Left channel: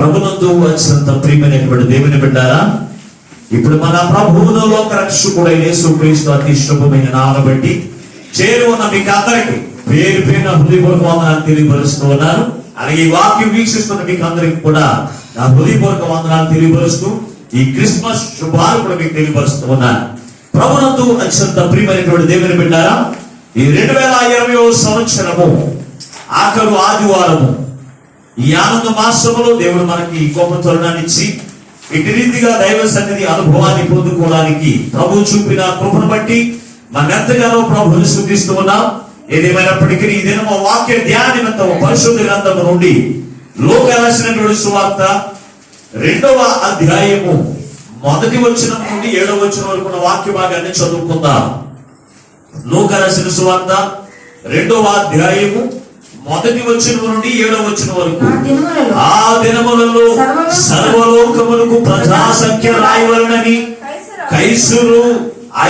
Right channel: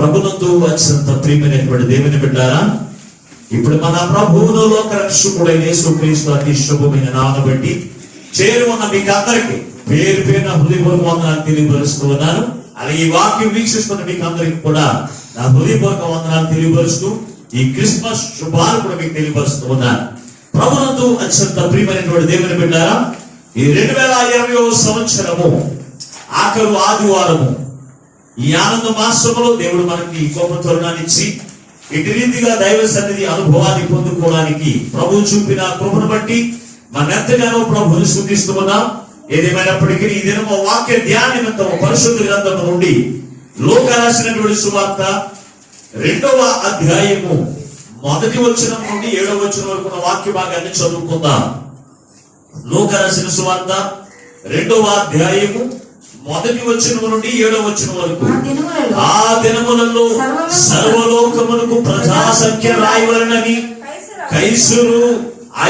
ప్రభునందు వచ్చినంత ప్రియమైనటువంటి దేవుని బిడ్డారా, ఇప్పుడు మన ప్రభువును లోక రక్షకుడైన యేసుక్రీస్తు అతి శుభమైన నామమును బట్టి చేరువన్న మీకు అందరికీ పేరు పేరున హృదయపూర్వక వందనాలు తెలియపరుస్తూ ఉన్నాను. అలాగే ఈ వాక్యం వీక్షిస్తున్న మీకు అందరికి కూడా నా హృదయపూర్వక వందనాలు తెలియపరుస్తూ ఈ క్రిస్మస్ శుభాలు కూడా మీకు తెలియపరుస్తూ ఉన్నాను. ప్రభునందు అత్యంత ప్రియమైనటువంటి దేవుని బిడ్డారా, ఈ 2020వ సంవత్సరము ఆఖరు ఆదివారము, ఈ ఆనంద మాసములో దేవుడు మనకి గొప్ప తరుణాన్ని ఇచ్చి ఇటు రీతిగా దైవ సన్నిధి అనుభవాన్ని పొందుకోవడానికి ప్రభు చూపిన కృపను బట్టి మనెంతగానో ప్రభువుని స్తుతిస్తూ ఉన్నాం. ఏదేమైనప్పటికీ ఈ దినము వాక్య ధ్యాన నిమిత్తం పరిశుద్ధ గ్రంథము నుండి లోకా రాసినటువంటి సువార్త 2వ అధ్యాయము 1వ వచనం నుండి 7వ వచనం వరకు ఉన్న వాక్య భాగాన్ని చదువుకుందాం. లోకా రాసిన సువార్త 2వ అధ్యాయము 1వ వచనం నుండి 7వ వచనం వరకు. ఆ దినములలో సర్వలోకమునకు ప్రజా సంఖ్య రాయవలెనని కైసరు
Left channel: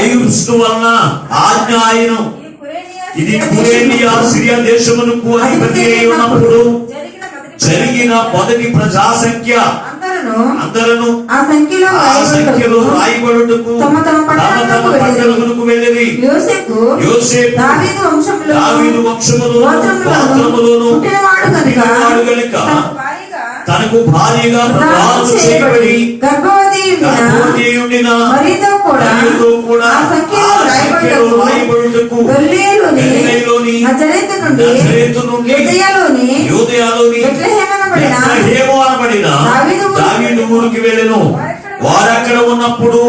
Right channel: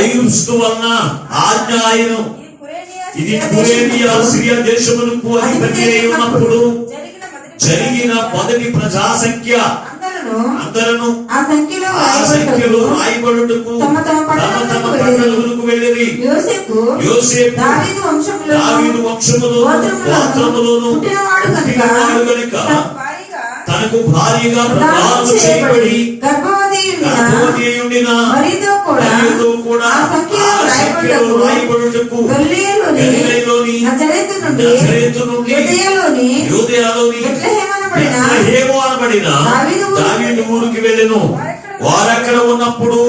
ఐగుప్తు వలన ఆజ్ఞ ఆయను. ఇది కురేనియా సిరియా దేశమునకు అధిపతి అయి ఉన్నప్పుడు జరిగిన మొదటి ప్రజా సంఖ్య. అందరూ ఆ సంఖ్యలో రాయబడుటకు తమ పట్టణములకు వెళ్ళిరి. యోసేపు దావీదు వంశములో గోత్రములోను పుట్టినవాడు గనుక తనకు భార్యగా ప్రదానము చేయబడి గర్భవతి ఉండిన మరియతో కూడా ఆ సంఖ్యలో రాయబడుటకు గలిలయలోని నజరేతు నుండి యూదయలోని బెత్లెహేము అనబడిన దావీదు ఊరికి వెళ్ళెను. వారక్కడ ఉన్నప్పుడు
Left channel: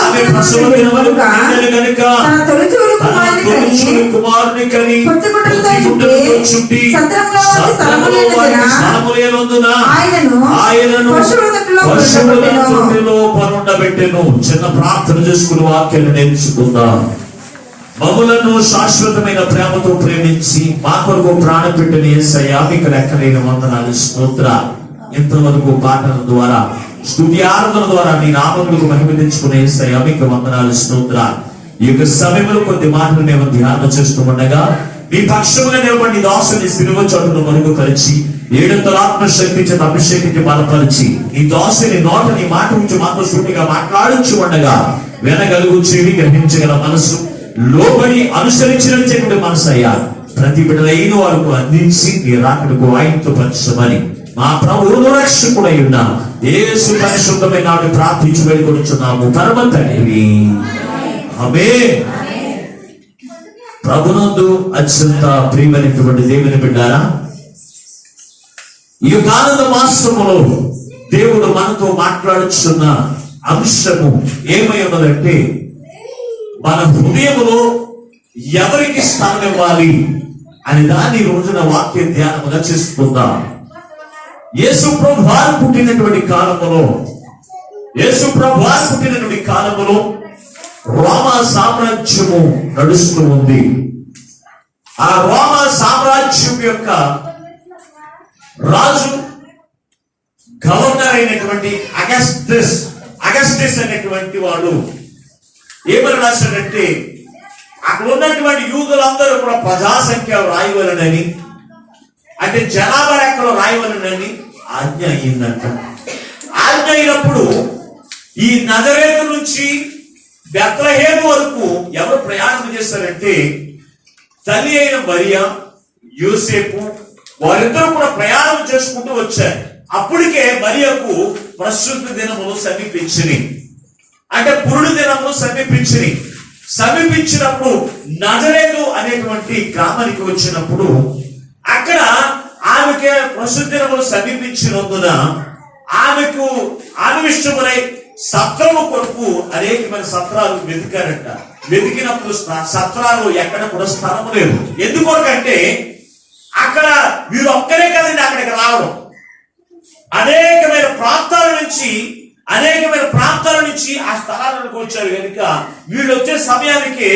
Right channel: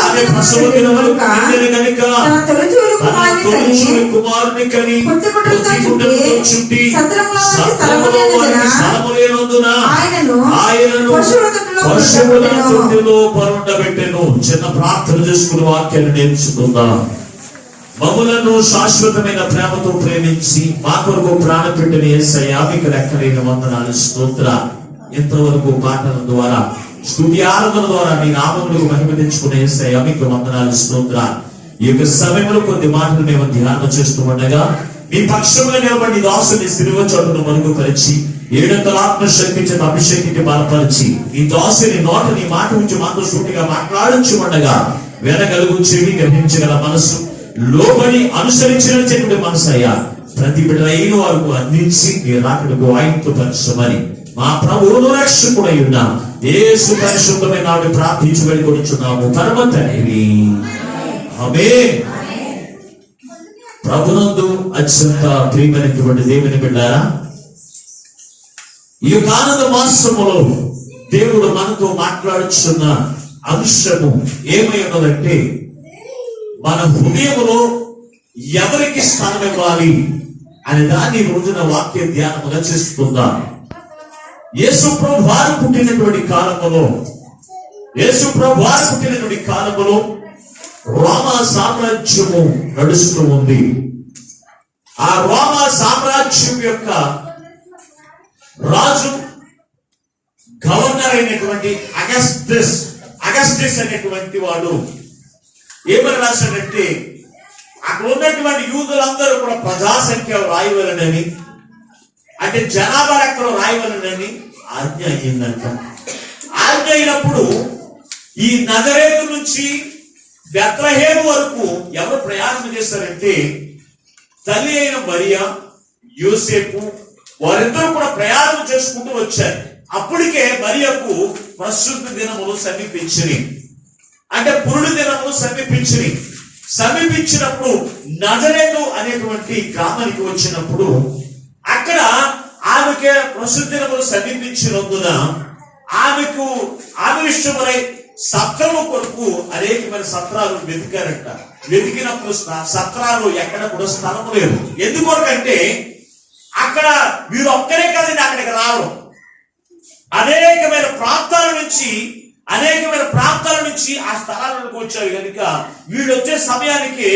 ఆమె ప్రసవ దినములు కనుక కుమారుని కని పొత్తిగుడ్డలతో చుట్టి సత్రములో వారికి స్థలము లేనందున ఆయనను పశువుల తొట్టిలో పరుండబెట్టెను. చిన్న ప్రార్థన చేసుకుని వాక్యాన్ని నేర్చుకుందాం. మమ్ములను శాశ్వతమైన ప్రేమతో ప్రేమించి మా కొరకు ప్రాణం పెట్టిన యేసయ్యా మీకు లెక్కలేని వందనాలు, స్తోత్రాలు. ఇంతవరకు పాటల ద్వారా స్తుతి ఆరాధన ద్వారా మీ నామములకు మహిమ తెచ్చుకునే యేసయ్యా మీకు వందనాలు, స్తోత్రాలు. ఈ యొక్క సమయంలో కొద్ది మాటలు మేము ధ్యానం చేస్తూ ఉండగా మీ పక్షముగా నిలబడి దాసుని సిలువ చోటును మరుగుపరిచి 7 ఆత్మశక్తి చేత అభిషేకించి బలపరిచి ఈ దాసుని నోట నీ మాట నుంచి మాతో సూటిగా మాట్లాడించి ఉండగా వినగలుగు చెవి, గ్రహించగల మనసు, లోబడి అనుసరించినటువంటి మనసు అయ్యా ప్రతి బిడ్డలైన వారికి అందించి మీ రాకడకు ఆయుక్తపరచమని మా ప్రభువును రక్షకుడై ఉన్న యేసు పరిశుద్ధమైన నాడు ప్రార్థించి వేడుకొనుచున్నాము పరమ తండ్రి, ఆమేన్. ప్రభునందు అత్యంత ప్రియమైనటువంటి దేవుని బిడ్డారా, ఈ ఆనంద మాసములో దేవుడు మనతో మాట్లాడుచున్న అంశము ఏమై ఉన్నదంటే మన హృదయములో ఎవరికి స్థానం ఇవ్వాలి అని దాన్ని రోజున వాక్య ధ్యానముగా చేసుకుందాం. యేసు ప్రభువారు పుట్టినటువంటి కాలములో రోమా సామ్రాజ్యము నడుస్తూ ఉంది. ఆ రోమా సామ్రాజ్యం యొక్క రాజు గవర్నర్ అయినటువంటి అగస్టస్ అనేటువంటి వాడు ఏమని రాశాడంటే అక్కడ ఉన్నటువంటి యూదులందరూ కూడా ప్రజాసంఖ్య రాయవలనని, అంటే జనాభా లెక్కలో రాయవలనని ఆజ్ఞ అయిందంట. ఆజ్ఞ అయినప్పుడు ఈ నజరేతు నుంచి బెత్లెహేము వరకు ఎవరు ప్రయాణం చేశారంటే తల్లి అయిన మరియా, యోసేపు వారిద్దరూ కూడా ప్రయాణం చేసుకుంటూ వచ్చారు. అప్పటికే మరియకు ప్రస్తుత దినములు సమీపించినాయి, అంటే పురుడు దినములు సమీపించినప్పుడు నజరేతు అనేటువంటి గ్రామానికి వచ్చినప్పుడు అక్కడ ఆమెకి ప్రస్తుత దినములు సమీపించినందున ఆమె విషయములై సత్రము కొరకు అనేకమైన సత్రాలు వెతికారంట. వెతికినప్పుడు సత్రాలు ఎక్కడ కూడా స్థలము లేదు. ఎందుకంటే అక్కడ వీరు ఒక్కరే కదండి అక్కడికి రావడం. అనేకమైన ప్రాంతాల నుంచి ఆ స్థలాలకు వచ్చారు కనుక వీళ్ళు వచ్చే సమయానికి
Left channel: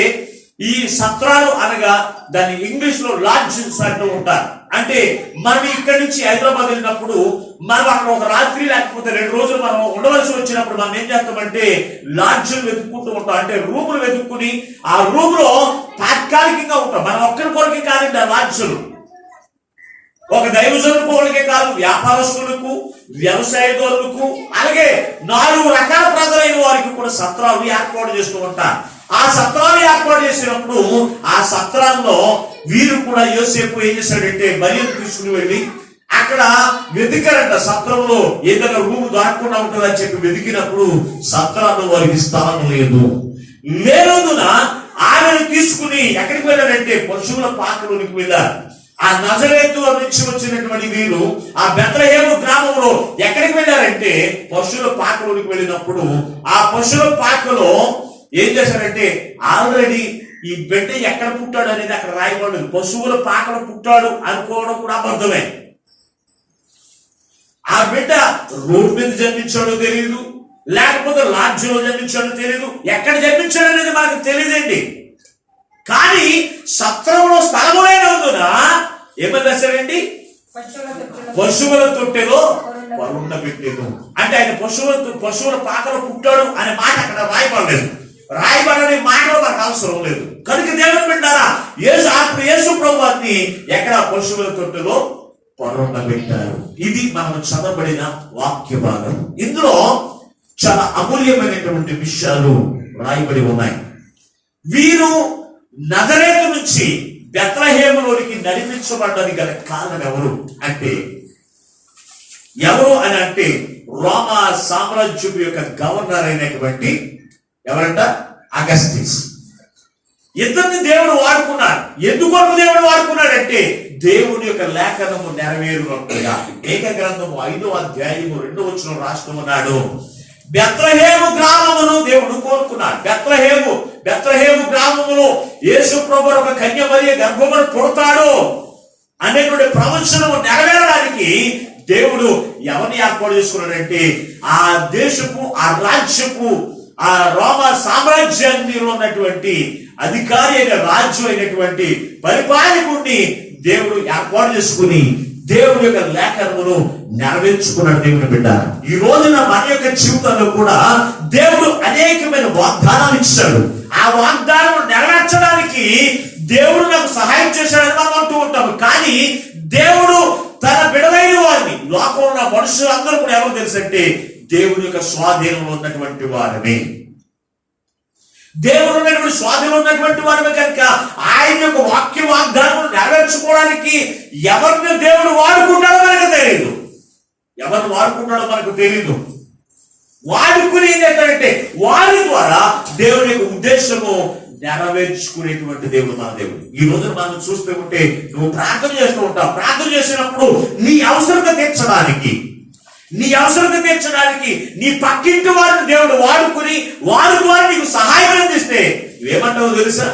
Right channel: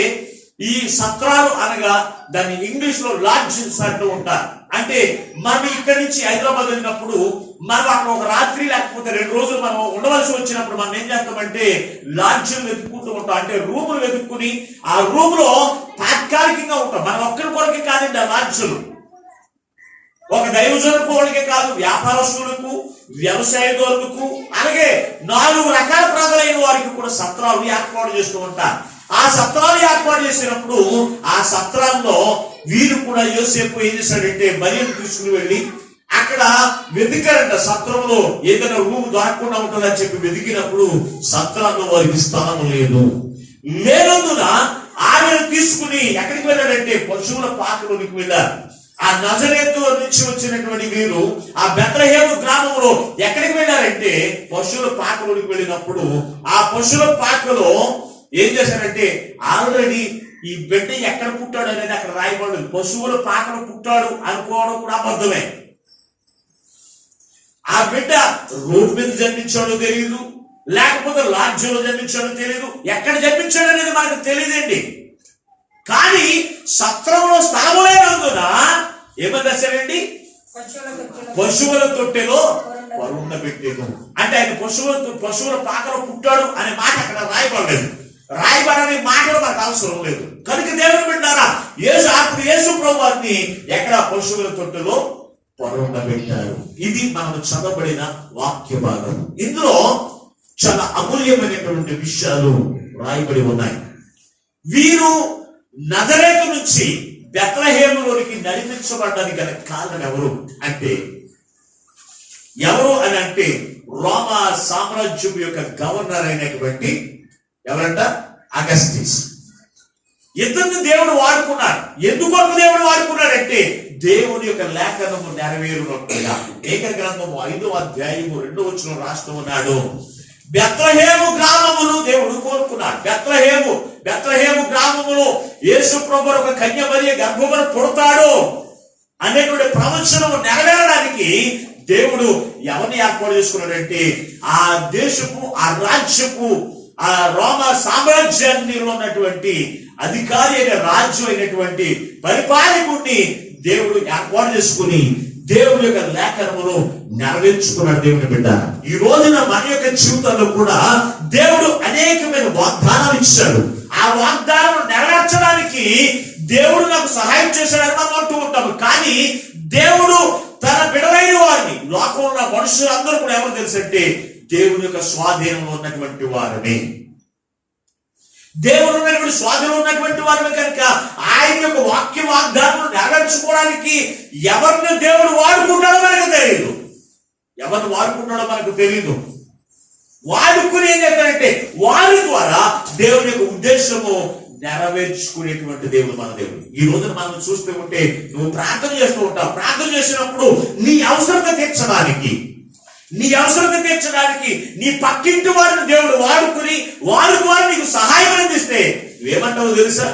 ఈ సత్రాలు అనగా దాన్ని ఇంగ్లీష్ లో లాడ్జింగ్స్ అంటూ ఉంటారు. అంటే మనం ఇక్కడి నుంచి హైదరాబాద్ వెళ్ళినప్పుడు మనం అక్కడ ఒక రాత్రి లేకపోతే 2 రోజులు మనం ఉండవలసి వచ్చినప్పుడు మనం ఏం చేస్తామంటే లాడ్జిలు వెతుక్కుంటూ ఉంటాం. అంటే రూములు వెతుక్కుని ఆ రూమ్ లో తాత్కాలికంగా ఉంటాం. మనం ఒక్కరి కొరకే కాదండి ఆ లాడ్జులు. ఒక దైవజనులకు వాళ్ళకే కాదు, వ్యాపారస్తులకు, వ్యవసాయదారులకు, అలాగే 4 రకాల ప్రజలైన వారికి కూడా సత్రాలు ఏర్పాటు చేస్తూ ఉంటారు. ఆ సత్రాలు ఏర్పాటు చేసినప్పుడు ఆ సత్రాల్లో వీరు కూడా యోసేపు ఏం చేశాడంటే మరియను తీసుకుని వెళ్ళి అక్కడ వెతికారంట. సత్రంలో ఏదైనా రూమ్ దాక్కుండా ఉంటుందని చెప్పి వెతికినప్పుడు సత్రాల్లో వారికి స్థలం లేనందున ఆమెను తీసుకుని ఎక్కడికి వెళ్ళాడంటే పశువుల పాకలోనికి వెళ్ళారు. ఆ నజరేతు నుంచి వచ్చినటువంటి వీరు ఆ బెత్లెహేము గ్రామంలో ఎక్కడికి వెళ్ళారంటే పశువుల పాకలోనికి వెళ్ళినప్పుడు ఆ పశువుల పాకలో ఏం చేశారంటే ఆల్రెడీ ఈ బిడ్డ ఎక్కడ పుట్టాడు అనేది అక్కడ రాయబడదు. పశువుల పాకలో పుట్టాడు అనుకోవడం కూడా అబద్ధమే. ఆ బిడ్డ రోడ్డు మీద జన్మించాడో తెలియదు, లేకపోతే లాడ్జ్లో జన్మించాడో తెలియదు, ఎక్కడ జన్మించాడు అనేది మనకు తెలియదండి. కానీ సత్రంలో స్థలము లేనందున ఏమని రాశారండి, పశువుల తొట్టెలో పరుండబెట్టెను. అంటే ఆయన పశువుల పాకలో పుట్టాడు అనే మాట అక్కడ రాయబడలేదు. రాయబడని మాటలు మనకు అవసరం లేదు. కనుక దేవుని బిడ్డారా, యేసు ప్రభువుని ఎక్కడ పశువుల తొట్టెలో పరుండబెట్టారు. ఇది మనం చదవబడిన వాక్య భాగం. ఇందులో చాలా అమూల్యమైనటువంటి విషయాలు రాయబడి ఉన్నాయి. వీరు నజరేతు నుంచి బెత్లెహేములోనికి నడిపించబడ్డానికి గల కారణం ఎవరు అని అంటే రోమా సామ్రాజ్యం యొక్క గవర్నర్ అయినటువంటి ఎవరంట, అగస్టిస్. ఇద్దరిని దేవుడు వాడుకున్నాడు. ఎందుకొరకు దేవుడు వాడుకున్నాడంటే దేవుని యొక్క లేఖనము నెరవేరునట్లుగా. ఏక గ్రంథము 5వ అధ్యాయము 2వ వచనం రాస్తూ ఉన్నాడు, బెత్లెహేము గ్రామమును దేవుడు కోరుకున్నాడు. బెత్లెహేము గ్రామములో యేసు ప్రభువు ఒక కన్య మరియ గర్భమును పుడతాడు అనేటువంటి ప్రవచనము నెరవేరడానికి దేవుడు ఎవరిని ఏర్పాటు చేసుకున్నాడంటే ఆ దేశపు, ఆ రాజ్యపు, ఆ రోమా సామ్రాజ్యాన్ని ఉన్నటువంటి అధికారి అయిన రాజ్యం అయినటువంటి పరిపాలకుడిని దేవుడు ఏర్పాటు చేసుకుని దేవుడి యొక్క లేఖనమును నెరవేర్చుకున్నాడు. దేవుని బిడ్డ, ఈ రోజున మన యొక్క జీవితంలో కూడా దేవుడు అనేకమైన వాగ్దానాలు ఇచ్చాడు. ఆ వాగ్దానం నెరవేర్చడానికి దేవుడు నాకు సహాయం చేశాడని మనం అంటూ ఉంటాము. కానీ దేవుడు తన బిడలైన వారిని, లోకంలో ఉన్న మనుషులందరూ కూడా ఎవరు తెలుసంటే దేవుని యొక్క స్వాధీనంలో ఉన్నటువంటి వారిని, దేవుడు ఉన్నటువంటి స్వాధీనంలో ఉన్నటువంటి వారిని. కనుక ఆయన యొక్క వాక్య వాగ్దానం నెరవేర్చుకోవడానికి ఎవరిని దేవుడు వాడుకుంటాడో మనకు తెలియదు. ఎవరిని వాడుకుంటాడో మనకు తెలియదు. వాడుకుని ఏం చేస్తాడంటే వారి ద్వారా దేవుని యొక్క ఉద్దేశము నెరవేర్చుకునేటువంటి దేవుడు మన దేవుడు. ఈ రోజున మనం చూస్తూ ఉంటే నువ్వు ప్రార్థన చేస్తూ ఉంటావు. ప్రార్థన చేసినప్పుడు నీ అవసరత తీర్చడానికి నీ పక్కింటి వారిని దేవుడు వాడుకుని వారి ద్వారా నీకు సహాయం అందిస్తే నువ్వేమంటావు తెలుసా,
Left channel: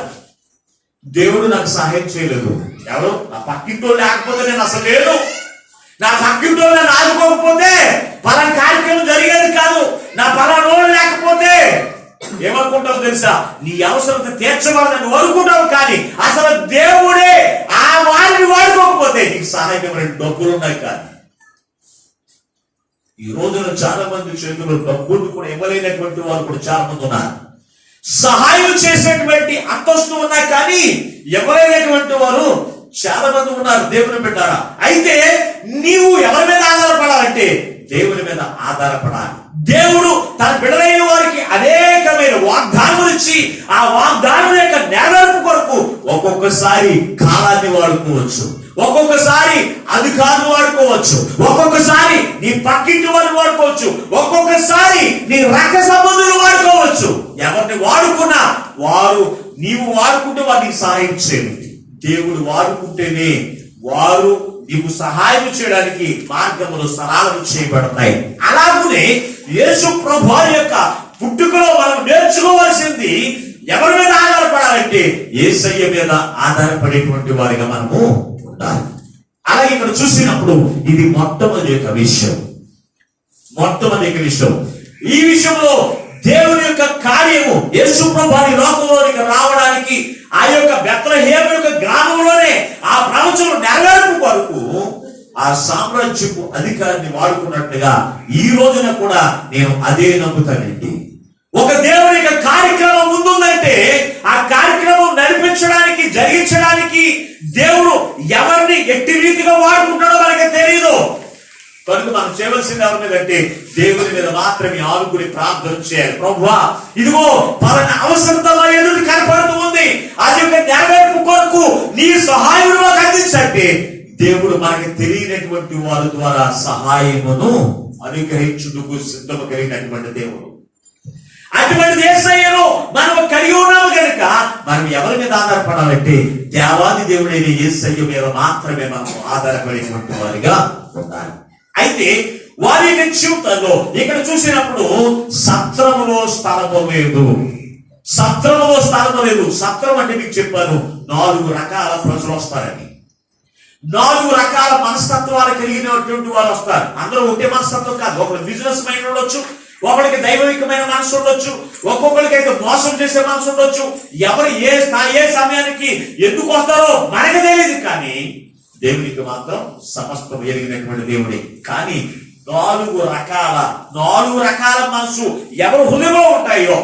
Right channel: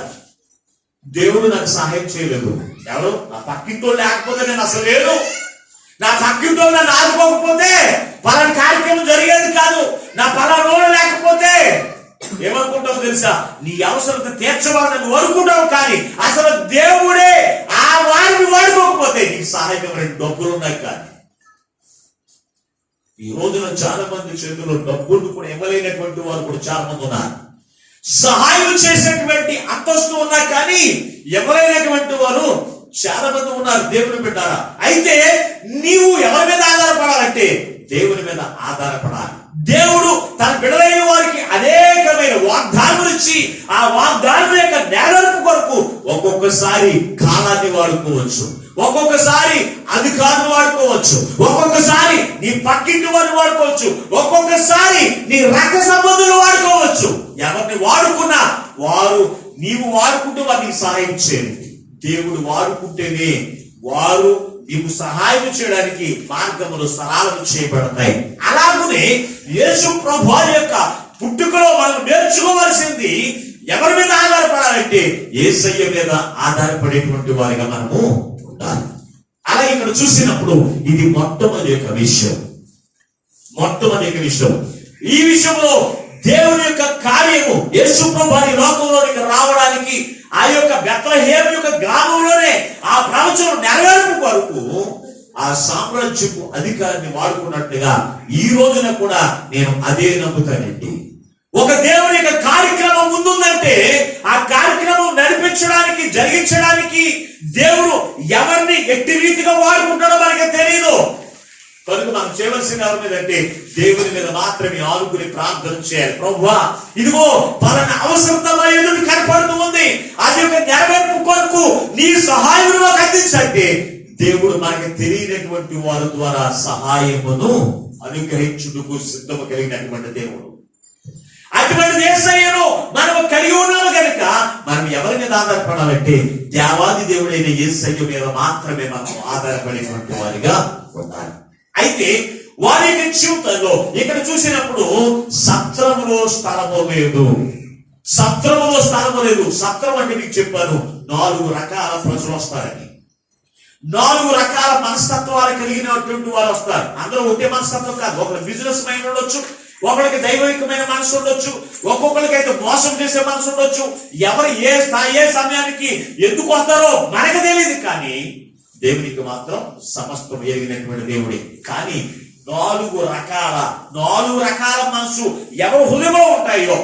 దేవుడు నాకు సహాయం చేయలేదు. ఎవరు, నా పక్కింటో లేకపోతే నేను అసలు లేదు, నా పక్కింటో నన్ను ఆదుకోకపోతే పలానా కార్యక్రమం జరిగేది కాదు, నా పలానోడు లేకపోతే ఏమనుకుంటావు తెలుసా, నీ అవసరత తీర్చబడదని అనుకుంటావు. కానీ అసలు దేవుడే ఆ వారిని వాడుకోకపోతే నీకు సహాయం ఎవరైనా డబ్బులు ఉన్నాయి. కానీ ఈ రోజున చాలా మంది చేతుల్లో డబ్బులు కూడా ఇవ్వలేనటువంటి వారు కూడా చాలా మంది ఉన్నారు. సహాయం చేసేటువంటి అంతస్తు ఉన్నాయి కానీ ఇవ్వలేనటువంటి వారు చాలా మంది ఉన్నారు. దేవుని పెట్టారా? అయితే నీవు ఎవరి మీద ఆధారపడాలంటే దేవుని మీద ఆధారపడాలి. దేవుడు తన బిడ్డలైన వారికి అనేకమైన వాగ్దానాలు ఇచ్చి ఆ వాగ్దానం యొక్క నెరవేర్పు కొరకు ఒక్కొక్కసారి కాలాన్ని వాడుకోవచ్చు, ఒక్కొక్కసారి అధికారులు వాడుకోవచ్చు, ఒక్కొక్కసారి నీ పక్కింటి వారిని వాడుకోవచ్చు, ఒక్కొక్కసారి నీ రక్త సంబంధులు వాడుకోవచ్చు. ఎవరిని వాడుకున్నా నీవు వాడుకుంటే వారికి సహాయం చేయండి. దేవుడు వాడుకుంటేనే వారు నీకు సహాయం చేయడానికి మార్గములు సరళం చేయబడతాయి. అలాగనే యేసు ప్రభువు యొక్క పుట్టుకలో మనం నేర్చుకోవాల్సింది ఎవరి మీద ఆధారపడాలంటే యేసయ్య మీద ఆధారపడేటువంటి వారిగా మనము ఉండాలి. అలా ఇక్కడ చూసినప్పుడు ఇది మొట్టమొదటి విషయం. ఈ విషయంలో దేవుని యొక్క కార్యము యేసు ప్రభువు లోకంలోనికి రావడానికి ఆ యొక్క బెత్లెహేము యొక్క గ్రామంలోనే ఆ ప్రవచనం నెరవేర్పు కొరకు ఆ సామ్రాజ్యపు అధికారాన్ని వాడుకున్నట్లుగా ఈ రోజున కూడా నేను అదే నమ్ముతానండి. ఒక దేవుని యొక్క కార్యక్రమం ముందుందంటే ఆ కార్యక్రమం నడిపించడానికి, జరిగించడానికి దేవుడు ఎవరిని ఎట్టి రీతిగా వాడుకుంటాడో మనకి తెలియదు. కనుక మనం చేయవలసింది ఎవరి మీద అంటే దేవుని మీద మాత్రమే ఆనుకుని ప్రార్థన చేయాలి. ప్రభువా, ఇదిగో పలానా అవసరత మా ఎదురు కనపడుతూ ఉంది, అది యొక్క నెరవేర్పు కొరకు నీ సహాయం మాకు అందించండి. దేవుడు మనకి తెలియనటువంటి వారి ద్వారా సహాయమును అనుగ్రహించుటకు సిద్ధము కలిగినటువంటి దేవుడు. అటువంటి యేసయ్యను మనం కలిగి ఉన్నాము కనుక మనం ఎవరి మీద ఆధారపడాలంటే దేవాది దేవుడైన యేసయ్య మీద మాత్రమే మనం ఆధారపడేటువంటి వారిగా ఉండాలి. అయితే వారి యొక్క జీవితంలో ఇక్కడ చూసినప్పుడు సత్రములో స్థలము లేదు. సత్రములో స్థలము లేదు. సత్రం అంటే మీకు చెప్పాను, 4 రకాల ప్రజలు వస్తారని. 4 రకాల మనస్తత్వాలు కలిగినటువంటి వారు వస్తారు. అందరూ ఒకే మనస్తత్వం కాదు. ఒకరు బిజినెస్ మైండ్ ఉండొచ్చు, ఒకరికి దైవికమైన మనసు ఉండొచ్చు, ఒక్కొక్కరికి అయితే మోసం చేసే మనసు ఉండొచ్చు. ఎవరు ఏ సమయానికి ఎందుకు వస్తారో మనకు తెలియదు, కానీ దేవునికి మాత్రం సమస్తం ఎరిగినటువంటి దేవుడే. కానీ 4 రకాల మనసు ఎవరు హృదయంలో ఉంటాయో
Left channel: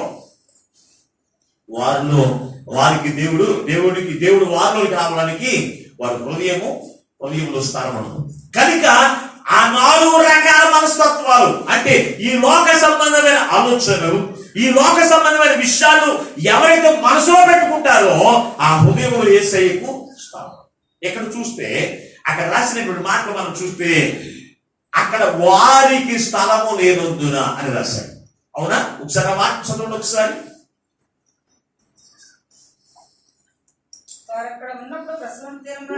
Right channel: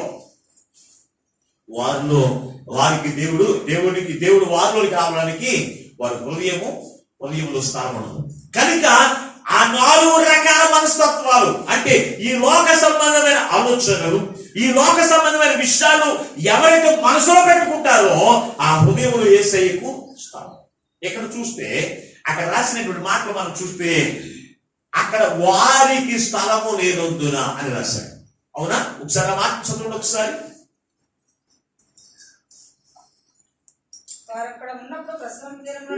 వారికి దేవుడు వారిలోకి రావడానికి వారి హృదయంలో స్థానం ఉండదు. కనుక ఆ 4 రకాల మనస్తత్వాలు అంటే ఈ లోక సంబంధమైన ఆలోచనలు, ఈ లోక సంబంధమైన విషయాలు ఎవరైతే మనసులో పెట్టుకుంటారో ఆ హృదయంలో యేసయ్యకు స్థానం. ఇక్కడ చూస్తే అక్కడ రాసినటువంటి మాటలు మనం చూస్తే అక్కడ వారికి స్థలము లేనందున అని రాశాడు. అవునా? ఒకసారి ఆ మాట చదవండి ఒకసారి.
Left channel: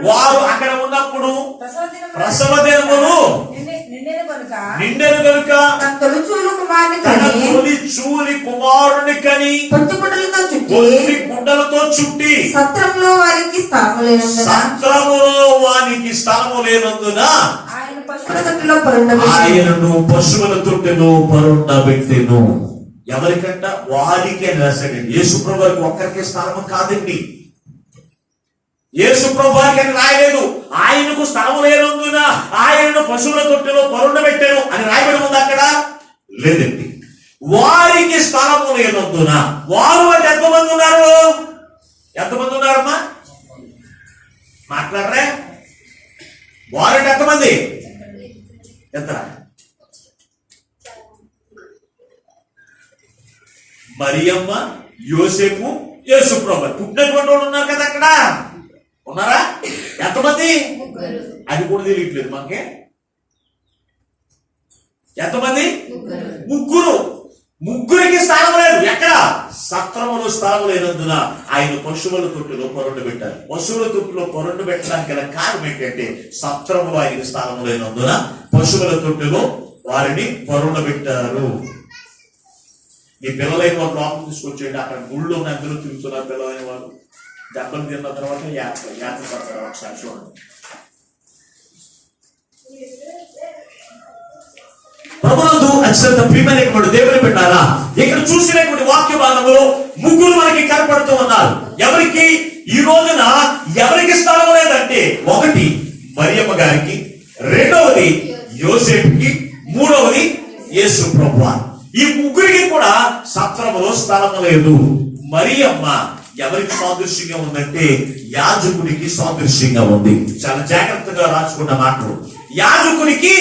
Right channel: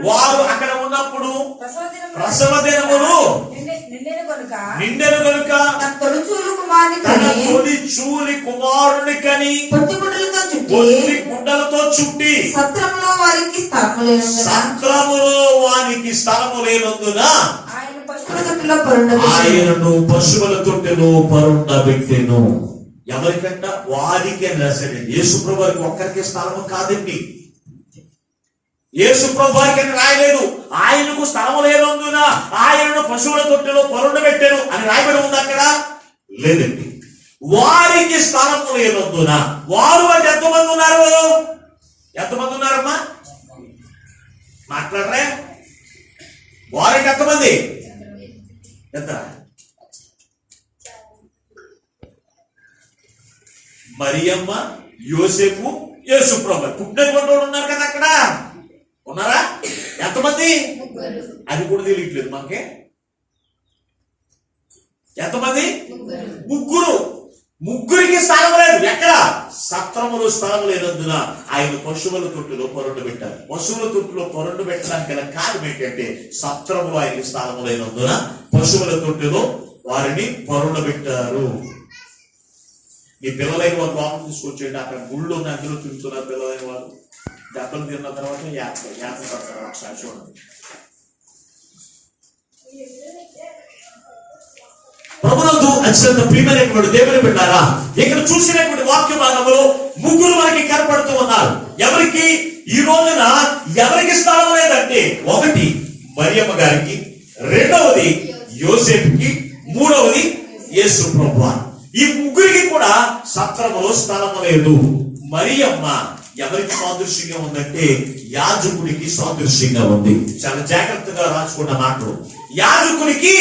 వారు అక్కడ ఉన్నప్పుడు ప్రసవ దినములు నిండెను గనుక తన తొలి చూలి కుమారుని కని పొత్తి గుడ్డలతో చుట్టి సత్రములో వానికి స్థలము లేనందున ఆయనను పశువుల తొట్టెలో పరుండబెట్టెను. ఎవరికంట? వారికి అని రాశాడండి. యేసు ప్రభువుకి ఒక్కరికి స్థలము కాదండి. యేసు ప్రభువుకి అని రాయలేదు. ఆయనకు స్థలము లేనందున ఆయనను పశువుల తొట్టెలో పరుండబెట్టెను అని రాయబడి ఉంది అక్కడ? లేదండి. వారికి స్థలము లేనందున. వారు అంటే ఎంతమంది ఉన్నారు? ఎంతమంది ఉన్నారమ్మా? మాట్లాడరే? వారంటే ఎంతమంది? ఎంత? మరియమ్మ, యోసేపు, యేసు ప్రభువు పుట్టినటువంటి వాళ్ళు ఉన్నారు కదా అక్కడ. ఉన్నారా? ఎంతమంది? అది కూడా తెలియట్లేదు మనకి. ఎంతమంది? ముగ్గురికి స్థానం లేదు. ఎక్కడ? సత్రములో స్థానం లేనందున ఆయన పశువుల తొట్టులో పొరండు పెట్టారు. పశువుల తొట్టులో పొరండు పెట్టడానికి గల కారణం ఏంటంటే సత్రములో ఆయనకి స్థానం లేనందున పశువుల తొట్టులో వారిని పొరండు పెట్టారు. ఈ పిల్లలైన వారు లోపల తీసుకొచ్చేయండి. అక్కడ గుళ్ళు ఉన్న అందులో తిరుగుతున్నారు పిల్లలైన వారు. దెబ్బలు తిన్న తర్వాత యాత్ర పడతారు. ఒకసారి చూడండి. ప్రభునందు అత్యంత ప్రియమైనటువంటి దేవుని బిడ్డలారా, ఇక్కడ చూసినటువంటి వాక్య భాగంలో ముగ్గురు మనకి కనపడుతూ ఉన్నారు. ఎవరికి ఈ రోజున ఎవరికి స్థలం లేదంటే, ఒకటి మరియమ్మ గారికి, రెండవది యోసేపుకి, మూడవది యేసు ప్రభువు. ఈ ముగ్గురికి కూడా సత్రములో స్థలము లేదు. మరియమ్మ ఎవరికి సాదృశ్యంగా ఉందంటే యాజకుడికి సాదృశ్యంగా ఉంది. చాలా జాగ్రత్తగా రాసుకున్న మాటలు. యాజకుడికి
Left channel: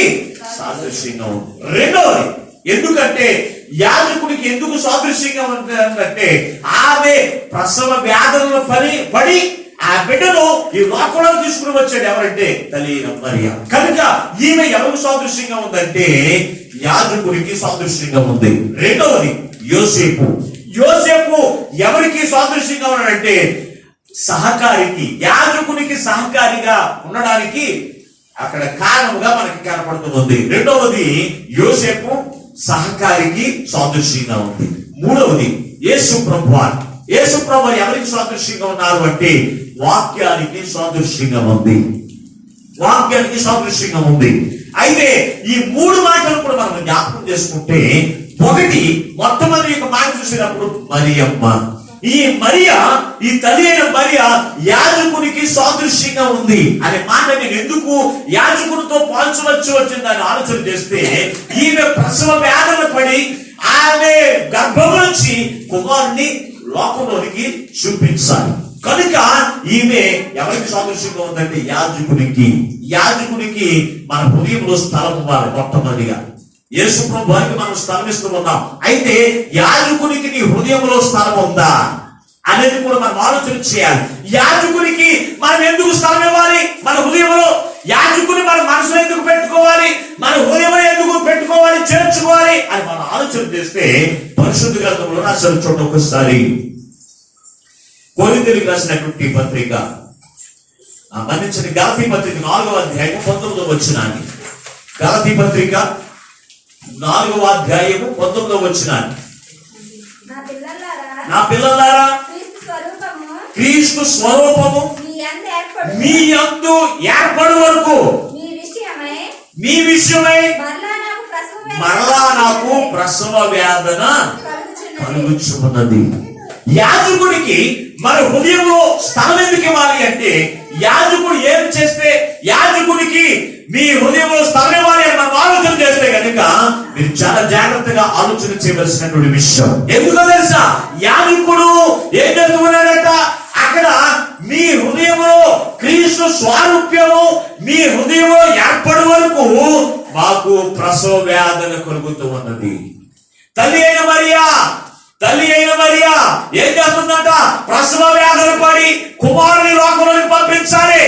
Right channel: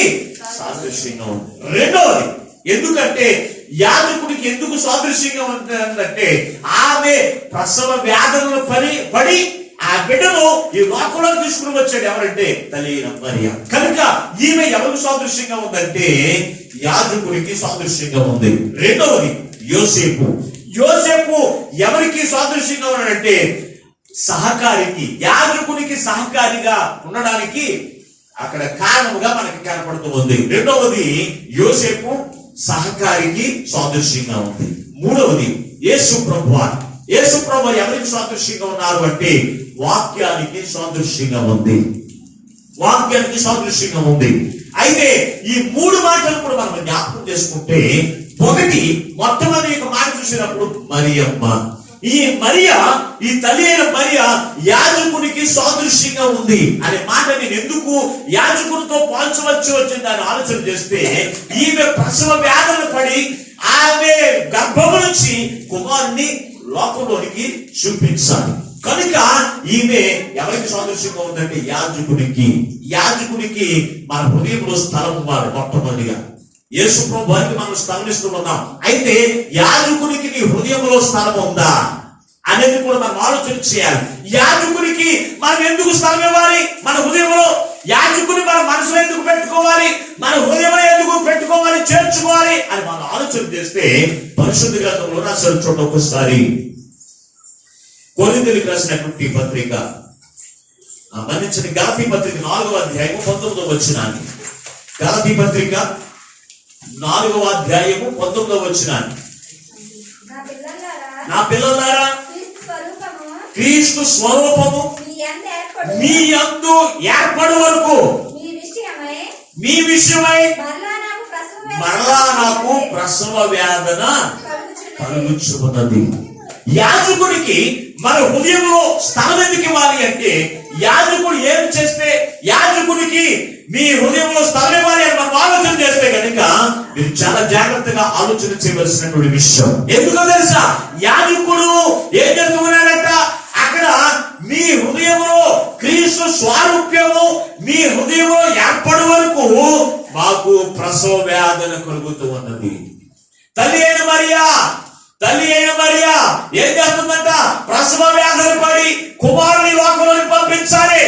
సాదృశ్యంగా ఉంది. రెండవది, ఎందుకంటే యాజకుడికి ఎందుకు సాదృశ్యంగా ఉంటుందంటే ఆమె ప్రసవ వ్యాధులను పడి ఆ బిడ్డను ఈ లోకంలో తీసుకుని వచ్చాడు. ఎవరంటే తల్లి మరియమ్మ. కనుక ఈమె ఎవరికి సాదృశ్యంగా ఉందంటే యాజకుడికి సాదృశ్యంగా ఉంది. రెండవది యోసేపు. యోసేపు ఎవరికి సాదృశ్యంగా ఉన్నాడంటే సహకారికి, యాజకునికి సహకారిగా ఉండడానికి అక్కడ కారణముగా మనకి కనపడుతూ ఉంది. రెండవది యోసేపు సహకారికి సాదృశ్యంగా ఉంది. మూడవది యేసు ప్రభువు. యేసు ప్రభువు ఎవరికి సాదృశ్యంగా ఉన్నారు అంటే వాక్యానికి సాదృశ్యంగా ఉంది. వాక్యానికి సాదృశ్యంగా ఉంది. అయితే ఈ మూడు మాటలు కూడా మనం జ్ఞాపకం చేసుకుంటే, ఒకటి మొట్టమొదటి యొక్క మాట చూసినప్పుడు మరియమ్మ. ఈ మరియా, ఈ తల్లి అయిన మరియా యాజకునికి సాదృశ్యంగా ఉంది అనే మాట నేను ఎందుకు యాజకునితో పోల్చవచ్చు వచ్చిందని ఆలోచన చేస్తే, ఈమె ప్రసవ వ్యాధులు పడి ఆ ఆమె గర్భము నుంచి కుమారుని లోకంలోనికి చూపించాలి. కనుక ఈమె ఎవరికి సాదృశ్యంగా ఉందంటే యాజకుడికి. యాజకుడికి మన హృదయంలో స్థలం ఇవ్వాలి. మొట్టమొదటిగా యేసు ప్రభువుకి మనం స్థలం ఇస్తూ ఉన్నాం. అయితే యాజకునికి నీ హృదయంలో స్థలం ఉందా అనేది కూడా మనం ఆలోచన చేయాలి. యాజకునికి మనం ఎందుకు స్థలం ఇవ్వాలి మన హృదయంలో? యాజకుని మన మనసులో ఎందుకు పెట్టుకోవాలి? మన హృదయంలో ఎందుకు పెట్టుకోవాలి, చేర్చుకోవాలి అని మనం ఆలోచన చేస్తే పరిశుద్ధ గ్రంథంలో రాసిన చోట ఒకసారి కొరింథీయులకు రాసినటువంటి పత్రిక, మన్నించిన గలతీ పత్రిక 4వ అధ్యాయం 19వ వచనాన్ని, గలతీ పత్రిక 4వ అధ్యాయం 19వ వచనాన్ని, నా పిల్లలారా క్రీస్తు స్వరూపము మీ యందు ఏర్పడు వరకు మీ విషయమై మరలా నాకు ప్రసవ వేదన కలుగుచున్నది. యాజకుడికి మన హృదయంలో స్థలం ఎందుకు ఇవ్వాలి అంటే, యాజకుడు ఏం చేస్తే యాజకుడికి మీ హృదయంలో స్థలం ఇవ్వాలి అని మనం ఆలోచన చేస్తే కనుక మీరు చాలా జాగ్రత్తగా ఆలోచన చేయవలసినటువంటి విషయం. ఎందుకో తెలుసా? యాజకుడు ఏం చేస్తున్నాడంట, అక్కడ మీ హృదయంలో క్రీస్తు స్వారూప్యము మీ హృదయంలో ఏర్పడి వరకు మాకు ప్రసవ వేదన కలుగుతూ ఉన్నది. తల్లి అయిన మరియా ఏం చేస్తుందంట? ప్రసవ వేదన పడి కుమారుని లోకంలోకి పంపించాలి.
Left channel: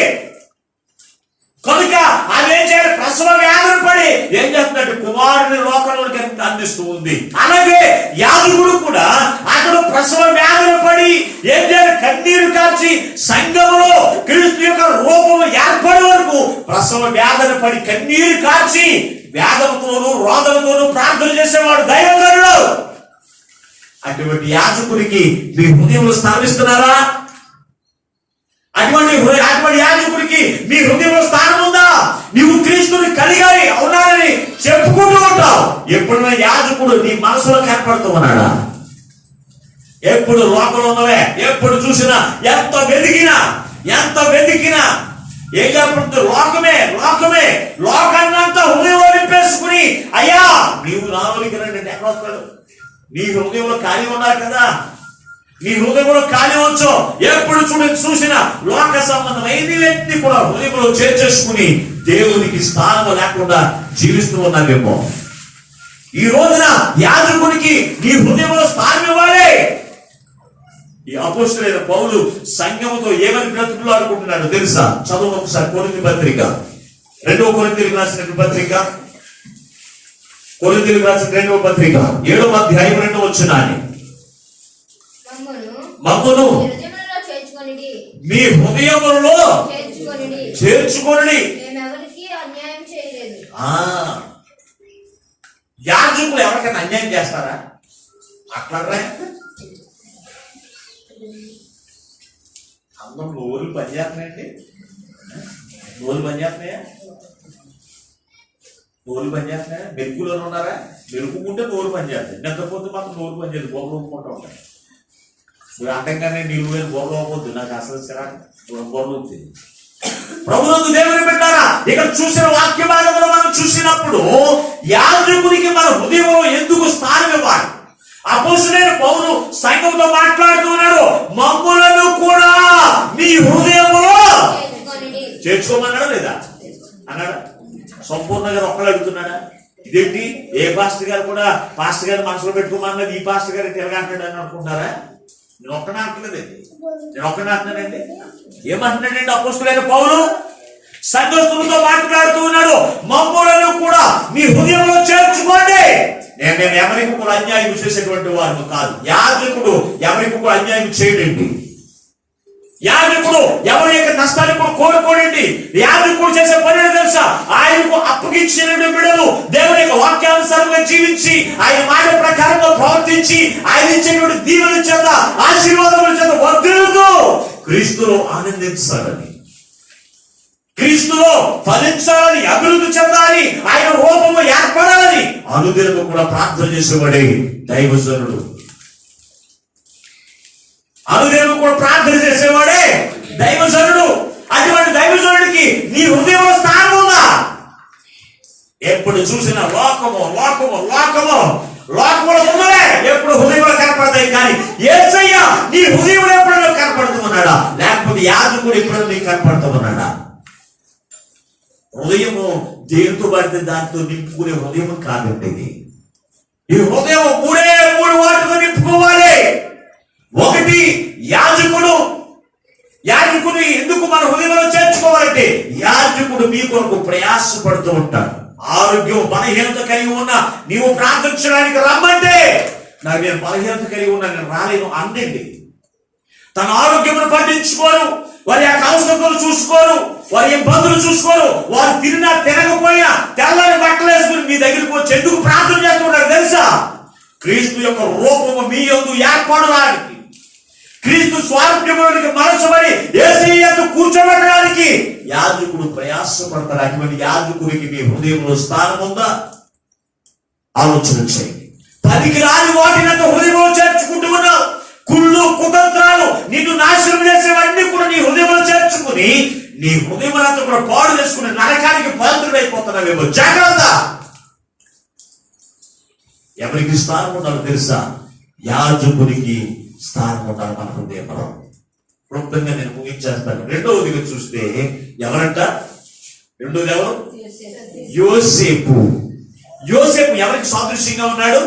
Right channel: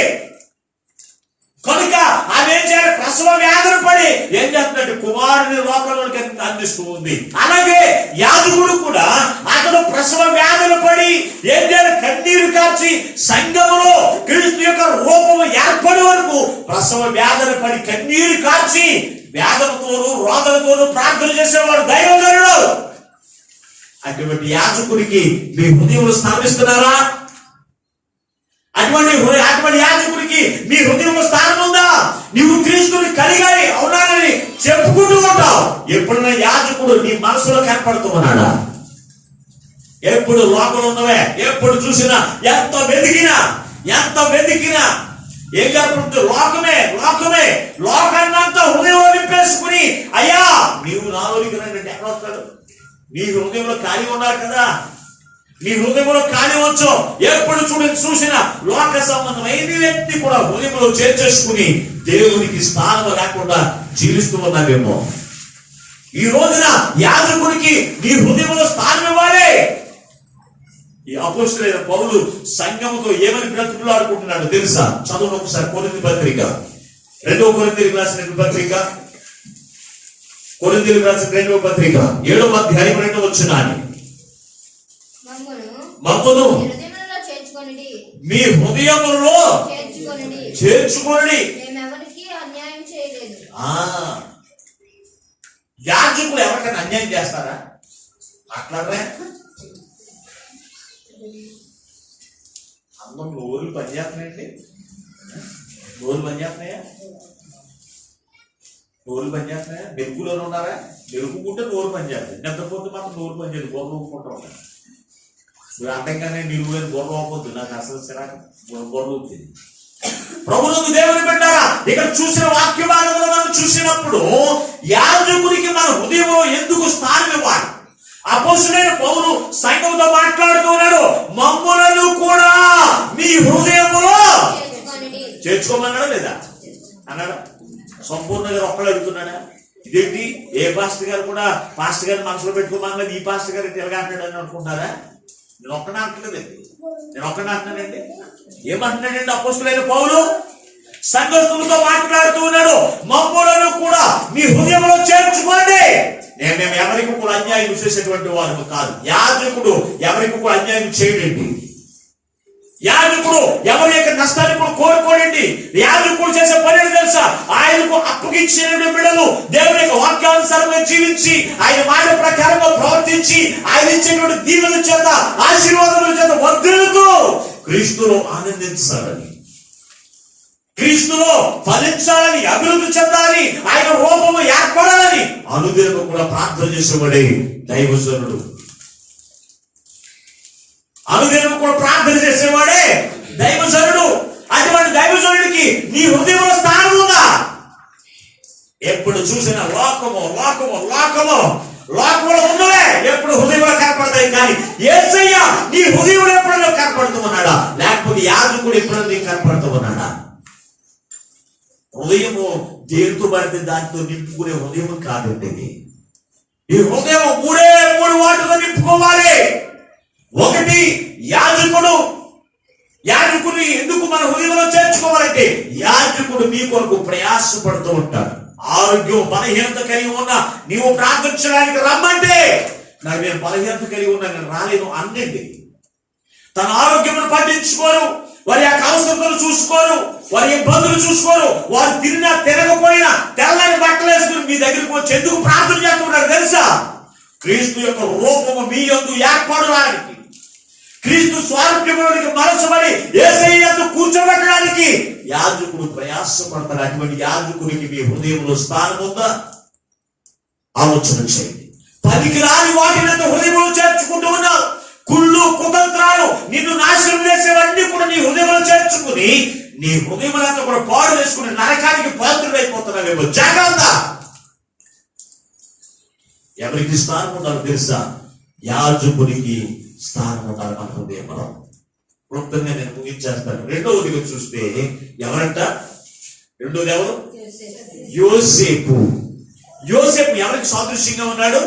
కనుక ఆమె ఏం చేయాలి? ప్రసవ వేదన పడి ఏం చేస్తుందంటే కుమారుని లోకంలోకి అందిస్తూ ఉంది. అలాగే యాజకుడు కూడా అతడు ప్రసవ వేదన పడి ఏం చేయాలి? కన్నీరు కార్చి సంఘములో క్రీస్తు యొక్క రూపము ఏర్పడే వరకు ప్రసవ వేదన పడి కన్నీరు కార్చి వేదనతోనూ రోదనతోనూ ప్రార్థన చేసేవాడు దైవజనుడు. అటువంటి యాజకుడికి మీ హృదయంలో స్థాపిస్తున్నారా? అటువంటి యాజకుడికి మీ హృదయంలో స్థానం ఉందా? నువ్వు క్రీస్తుని కలిగాలి అవునాలని చెప్పుకుంటూ ఉంటావు. ఎప్పుడైనా యాజకుడు నీ మనసులో ఏర్పడుతూ ఉన్నాడా? ఎప్పుడు లోపల ఉన్నవే, ఎప్పుడు చూసినా ఎంత వెతికినా ఏం లేకపోతే లోకాన్నంతా హృదయంలో నింపేసుకుని, అయ్యా నీవు నాలోనికి రండి అంటే ఎక్కడ వస్తాడు? నీ హృదయంలో ఖాళీ ఉన్నారు కదా, నీ హృదయంలో ఖాళీ వచ్చు. ఎప్పుడు చూసిన లోక సంబంధమైన వ్యక్తి కూడా హృదయంలో చేర్చేసుకుని దేవునికి స్థానం లేకుండా జీవిస్తూ ఉన్నావేమో. ఈ రోజున యాజకుడికి నీ హృదయంలో స్థానం ఇవ్వాలి. ఈ అపోస్తలుడైన పౌలు సంఘముతో ఏమని బ్రతుకులాడుకుంటున్నాడు తెలుసా? చదువు ఒకసారి కొరింథీ పత్రిక, 2వ కొరింథీయులకు రాసిన పత్రిక, కొరింథీయులకు రాసిన 2వ పత్రిక 7వ అధ్యాయం 2వ వచనాన్ని, మమ్మును మీ హృదయములలో చేర్చుకొనుడి. యాజకులు ఎవరికైనా అన్యాయం చేస్తారా? అట్లాగే అందరూ నోరులు పనిచేస్తున్నాయండి. నోరులు పనిచేస్తున్నాయా? మెరుగులోనే ఉన్నారా? మెరుగుకుంటే నోరు పనిచేస్తాయి, నిద్రపోతే మాత్రం నోరు పనిచేయదు, బొమ్మలు ఊపుకుంటూ ఉంటాయి. నువ్వు అంటంగానే నీళ్ళు పోయిన బొర్ర అవ్వద్దు, నాకు అసలు సిరాకు బొర్ర ఊపుతుంది. ప్రభునందు దేవుని బిడ్డలారా, ఇక్కడ చూసిన వాక్య భాగంలో మనం చూసినప్పుడు యాజకునికి మన హృదయంలో ఎందుకు స్థానం ఇవ్వాలి? అపోస్తలుడైన పౌలు సంఘంతో మాట్లాడుతున్నాడు, మమ్ములను కూడా మీ హృదయంలో చేర్చుకోమన్నాడా లేదా అన్నాడా? సంపూర్ణంగా ఒక్కడు అడుగుతున్నాడా? ఇదేంటి ఏ పాస్టర్ గారు కూడా పాస్టర్ గారు మనసులో పెట్టుకోమన్నది ఈ పాస్టర్ గారు తిరగంటాడని అనుకుంటారా? నేను ఒక్కడే అంటున్నానండి. ఏమంటున్నాడండి అపోస్తలుడైన పౌలు? సంఘస్థులతో మాట్లాడుతూ ఉన్నాడు, మమ్ములను కూడా మీ హృదయంలో చేర్చుకోండి. మేము ఎవరికి కూడా అన్యాయం చేసేటువంటి వారు కాదు. యాజకుడు ఎవరికి కూడా అన్యాయం చేయడండి. యాజకుడు ఎవరి యొక్క నష్టాన్ని కూడా కోరుకోడండి. యాజకుడు చేసే పని తెలుసా? ఆయనకు అప్పగించిన బిడ్డలు దేవుని యొక్క వాక్యానుసారంగా జీవించి ఆయన మాట ప్రకారంగా ప్రవర్తించి ఆయన ఇచ్చినటువంటి దీవెన చేత ఆశీర్వాదముల చేత వర్ధిల్లుతూ క్రీస్తులో ఆనందించాలని, క్రీస్తులో ఫలించాలని, అభివృద్ధి చెందాలి, ఆయన రూపము ఏర్పడాలని అనుదినము కూడా ప్రార్థన చేసేవాడే దైవజనుడు. అనుదినము కూడా ప్రార్థన చేసేవాడే దైవజనుడు. అటువంటి దైవజనుడికి నీ హృదయంలో స్థానం ఉందా? ఎప్పుడు చూసిన లోకము లోకంలో ఉన్నవే ఎప్పుడు హృదయంలో కనపడతాయి, కానీ యేసయ్య నీ హృదయంలో ఎప్పుడైనా కనపడుతూ ఉన్నాడా, లేకపోతే యాజకుడు ఎప్పుడైనా నీకు కనపడుతూ ఉన్నాడా? హృదయము దేనితో పడితే దాంతో నింపుకునే హృదయం కాదండి. ఈ హృదయం మూడు వాటితో నింపుకోవాలి. ఒకటి యాజకుడు ఎందుకు మన హృదయంలో చేర్చుకోవాలంటే, యాజకుడు మీ కొరకు ప్రయాసపడుతూ ఉంటాడు. ఆరోగ్యం బలహీనత కలిగి ఉన్నా నీవు ప్రార్థించడానికి రమ్మంటే, నాకు నేను బలహీనత కలిగి ఉన్నా నేను రాలేను అనండి. తన ఆరోగ్యమును పట్టించుకోరు, వారి యొక్క అవసరతలు చూసుకోరు, వారి ఇబ్బందులు చూసుకోరు. వారు తినకపోయినా తెల్లని బట్టలు వేసుకుని మీ దగ్గరికి వచ్చి ఎందుకు ప్రార్థన చేస్తున్నారు తెలుసా? క్రీస్తు యొక్క రూపము మీ యందు ఏర్పడడానికి, క్రీస్తు స్వారూప్యములోనికి మలచబడి యేసయ్య యందు కూర్చోబెట్టడానికి యాజకుడు ప్రయాసపడతాడు. అటువంటి యాజకుడికి మీ హృదయంలో స్థానం ఉందా? ఆలోచన చేయండి. పనికి రాని వాటిని హృదయంలో చేర్చుకుంటూ ఉన్నావు. కుళ్ళు కుతంత్రాలు నిన్ను నాశనం చేసేవన్నీ కూడా నీ హృదయంలో చేర్చుకుని నీ హృదయములంతా కూడా పాడు చేసుకుని నరకానికి పాత్రుడైపోతున్నావేమో. జాగ్రత్త. ఎవరికి స్థానం ఉండాలో తెలుసా? యాజకునికి స్థానం ఉండాలి మన హృదయంలో. క్లుప్తంగా నేను ముగించేస్తాను. రెండవదిగా చూస్తే ఎవరంట? రెండోది ఎవరు? యోసేపు. యోసేపు ఎవరికి సాదృశ్యంగా ఉన్నాడు?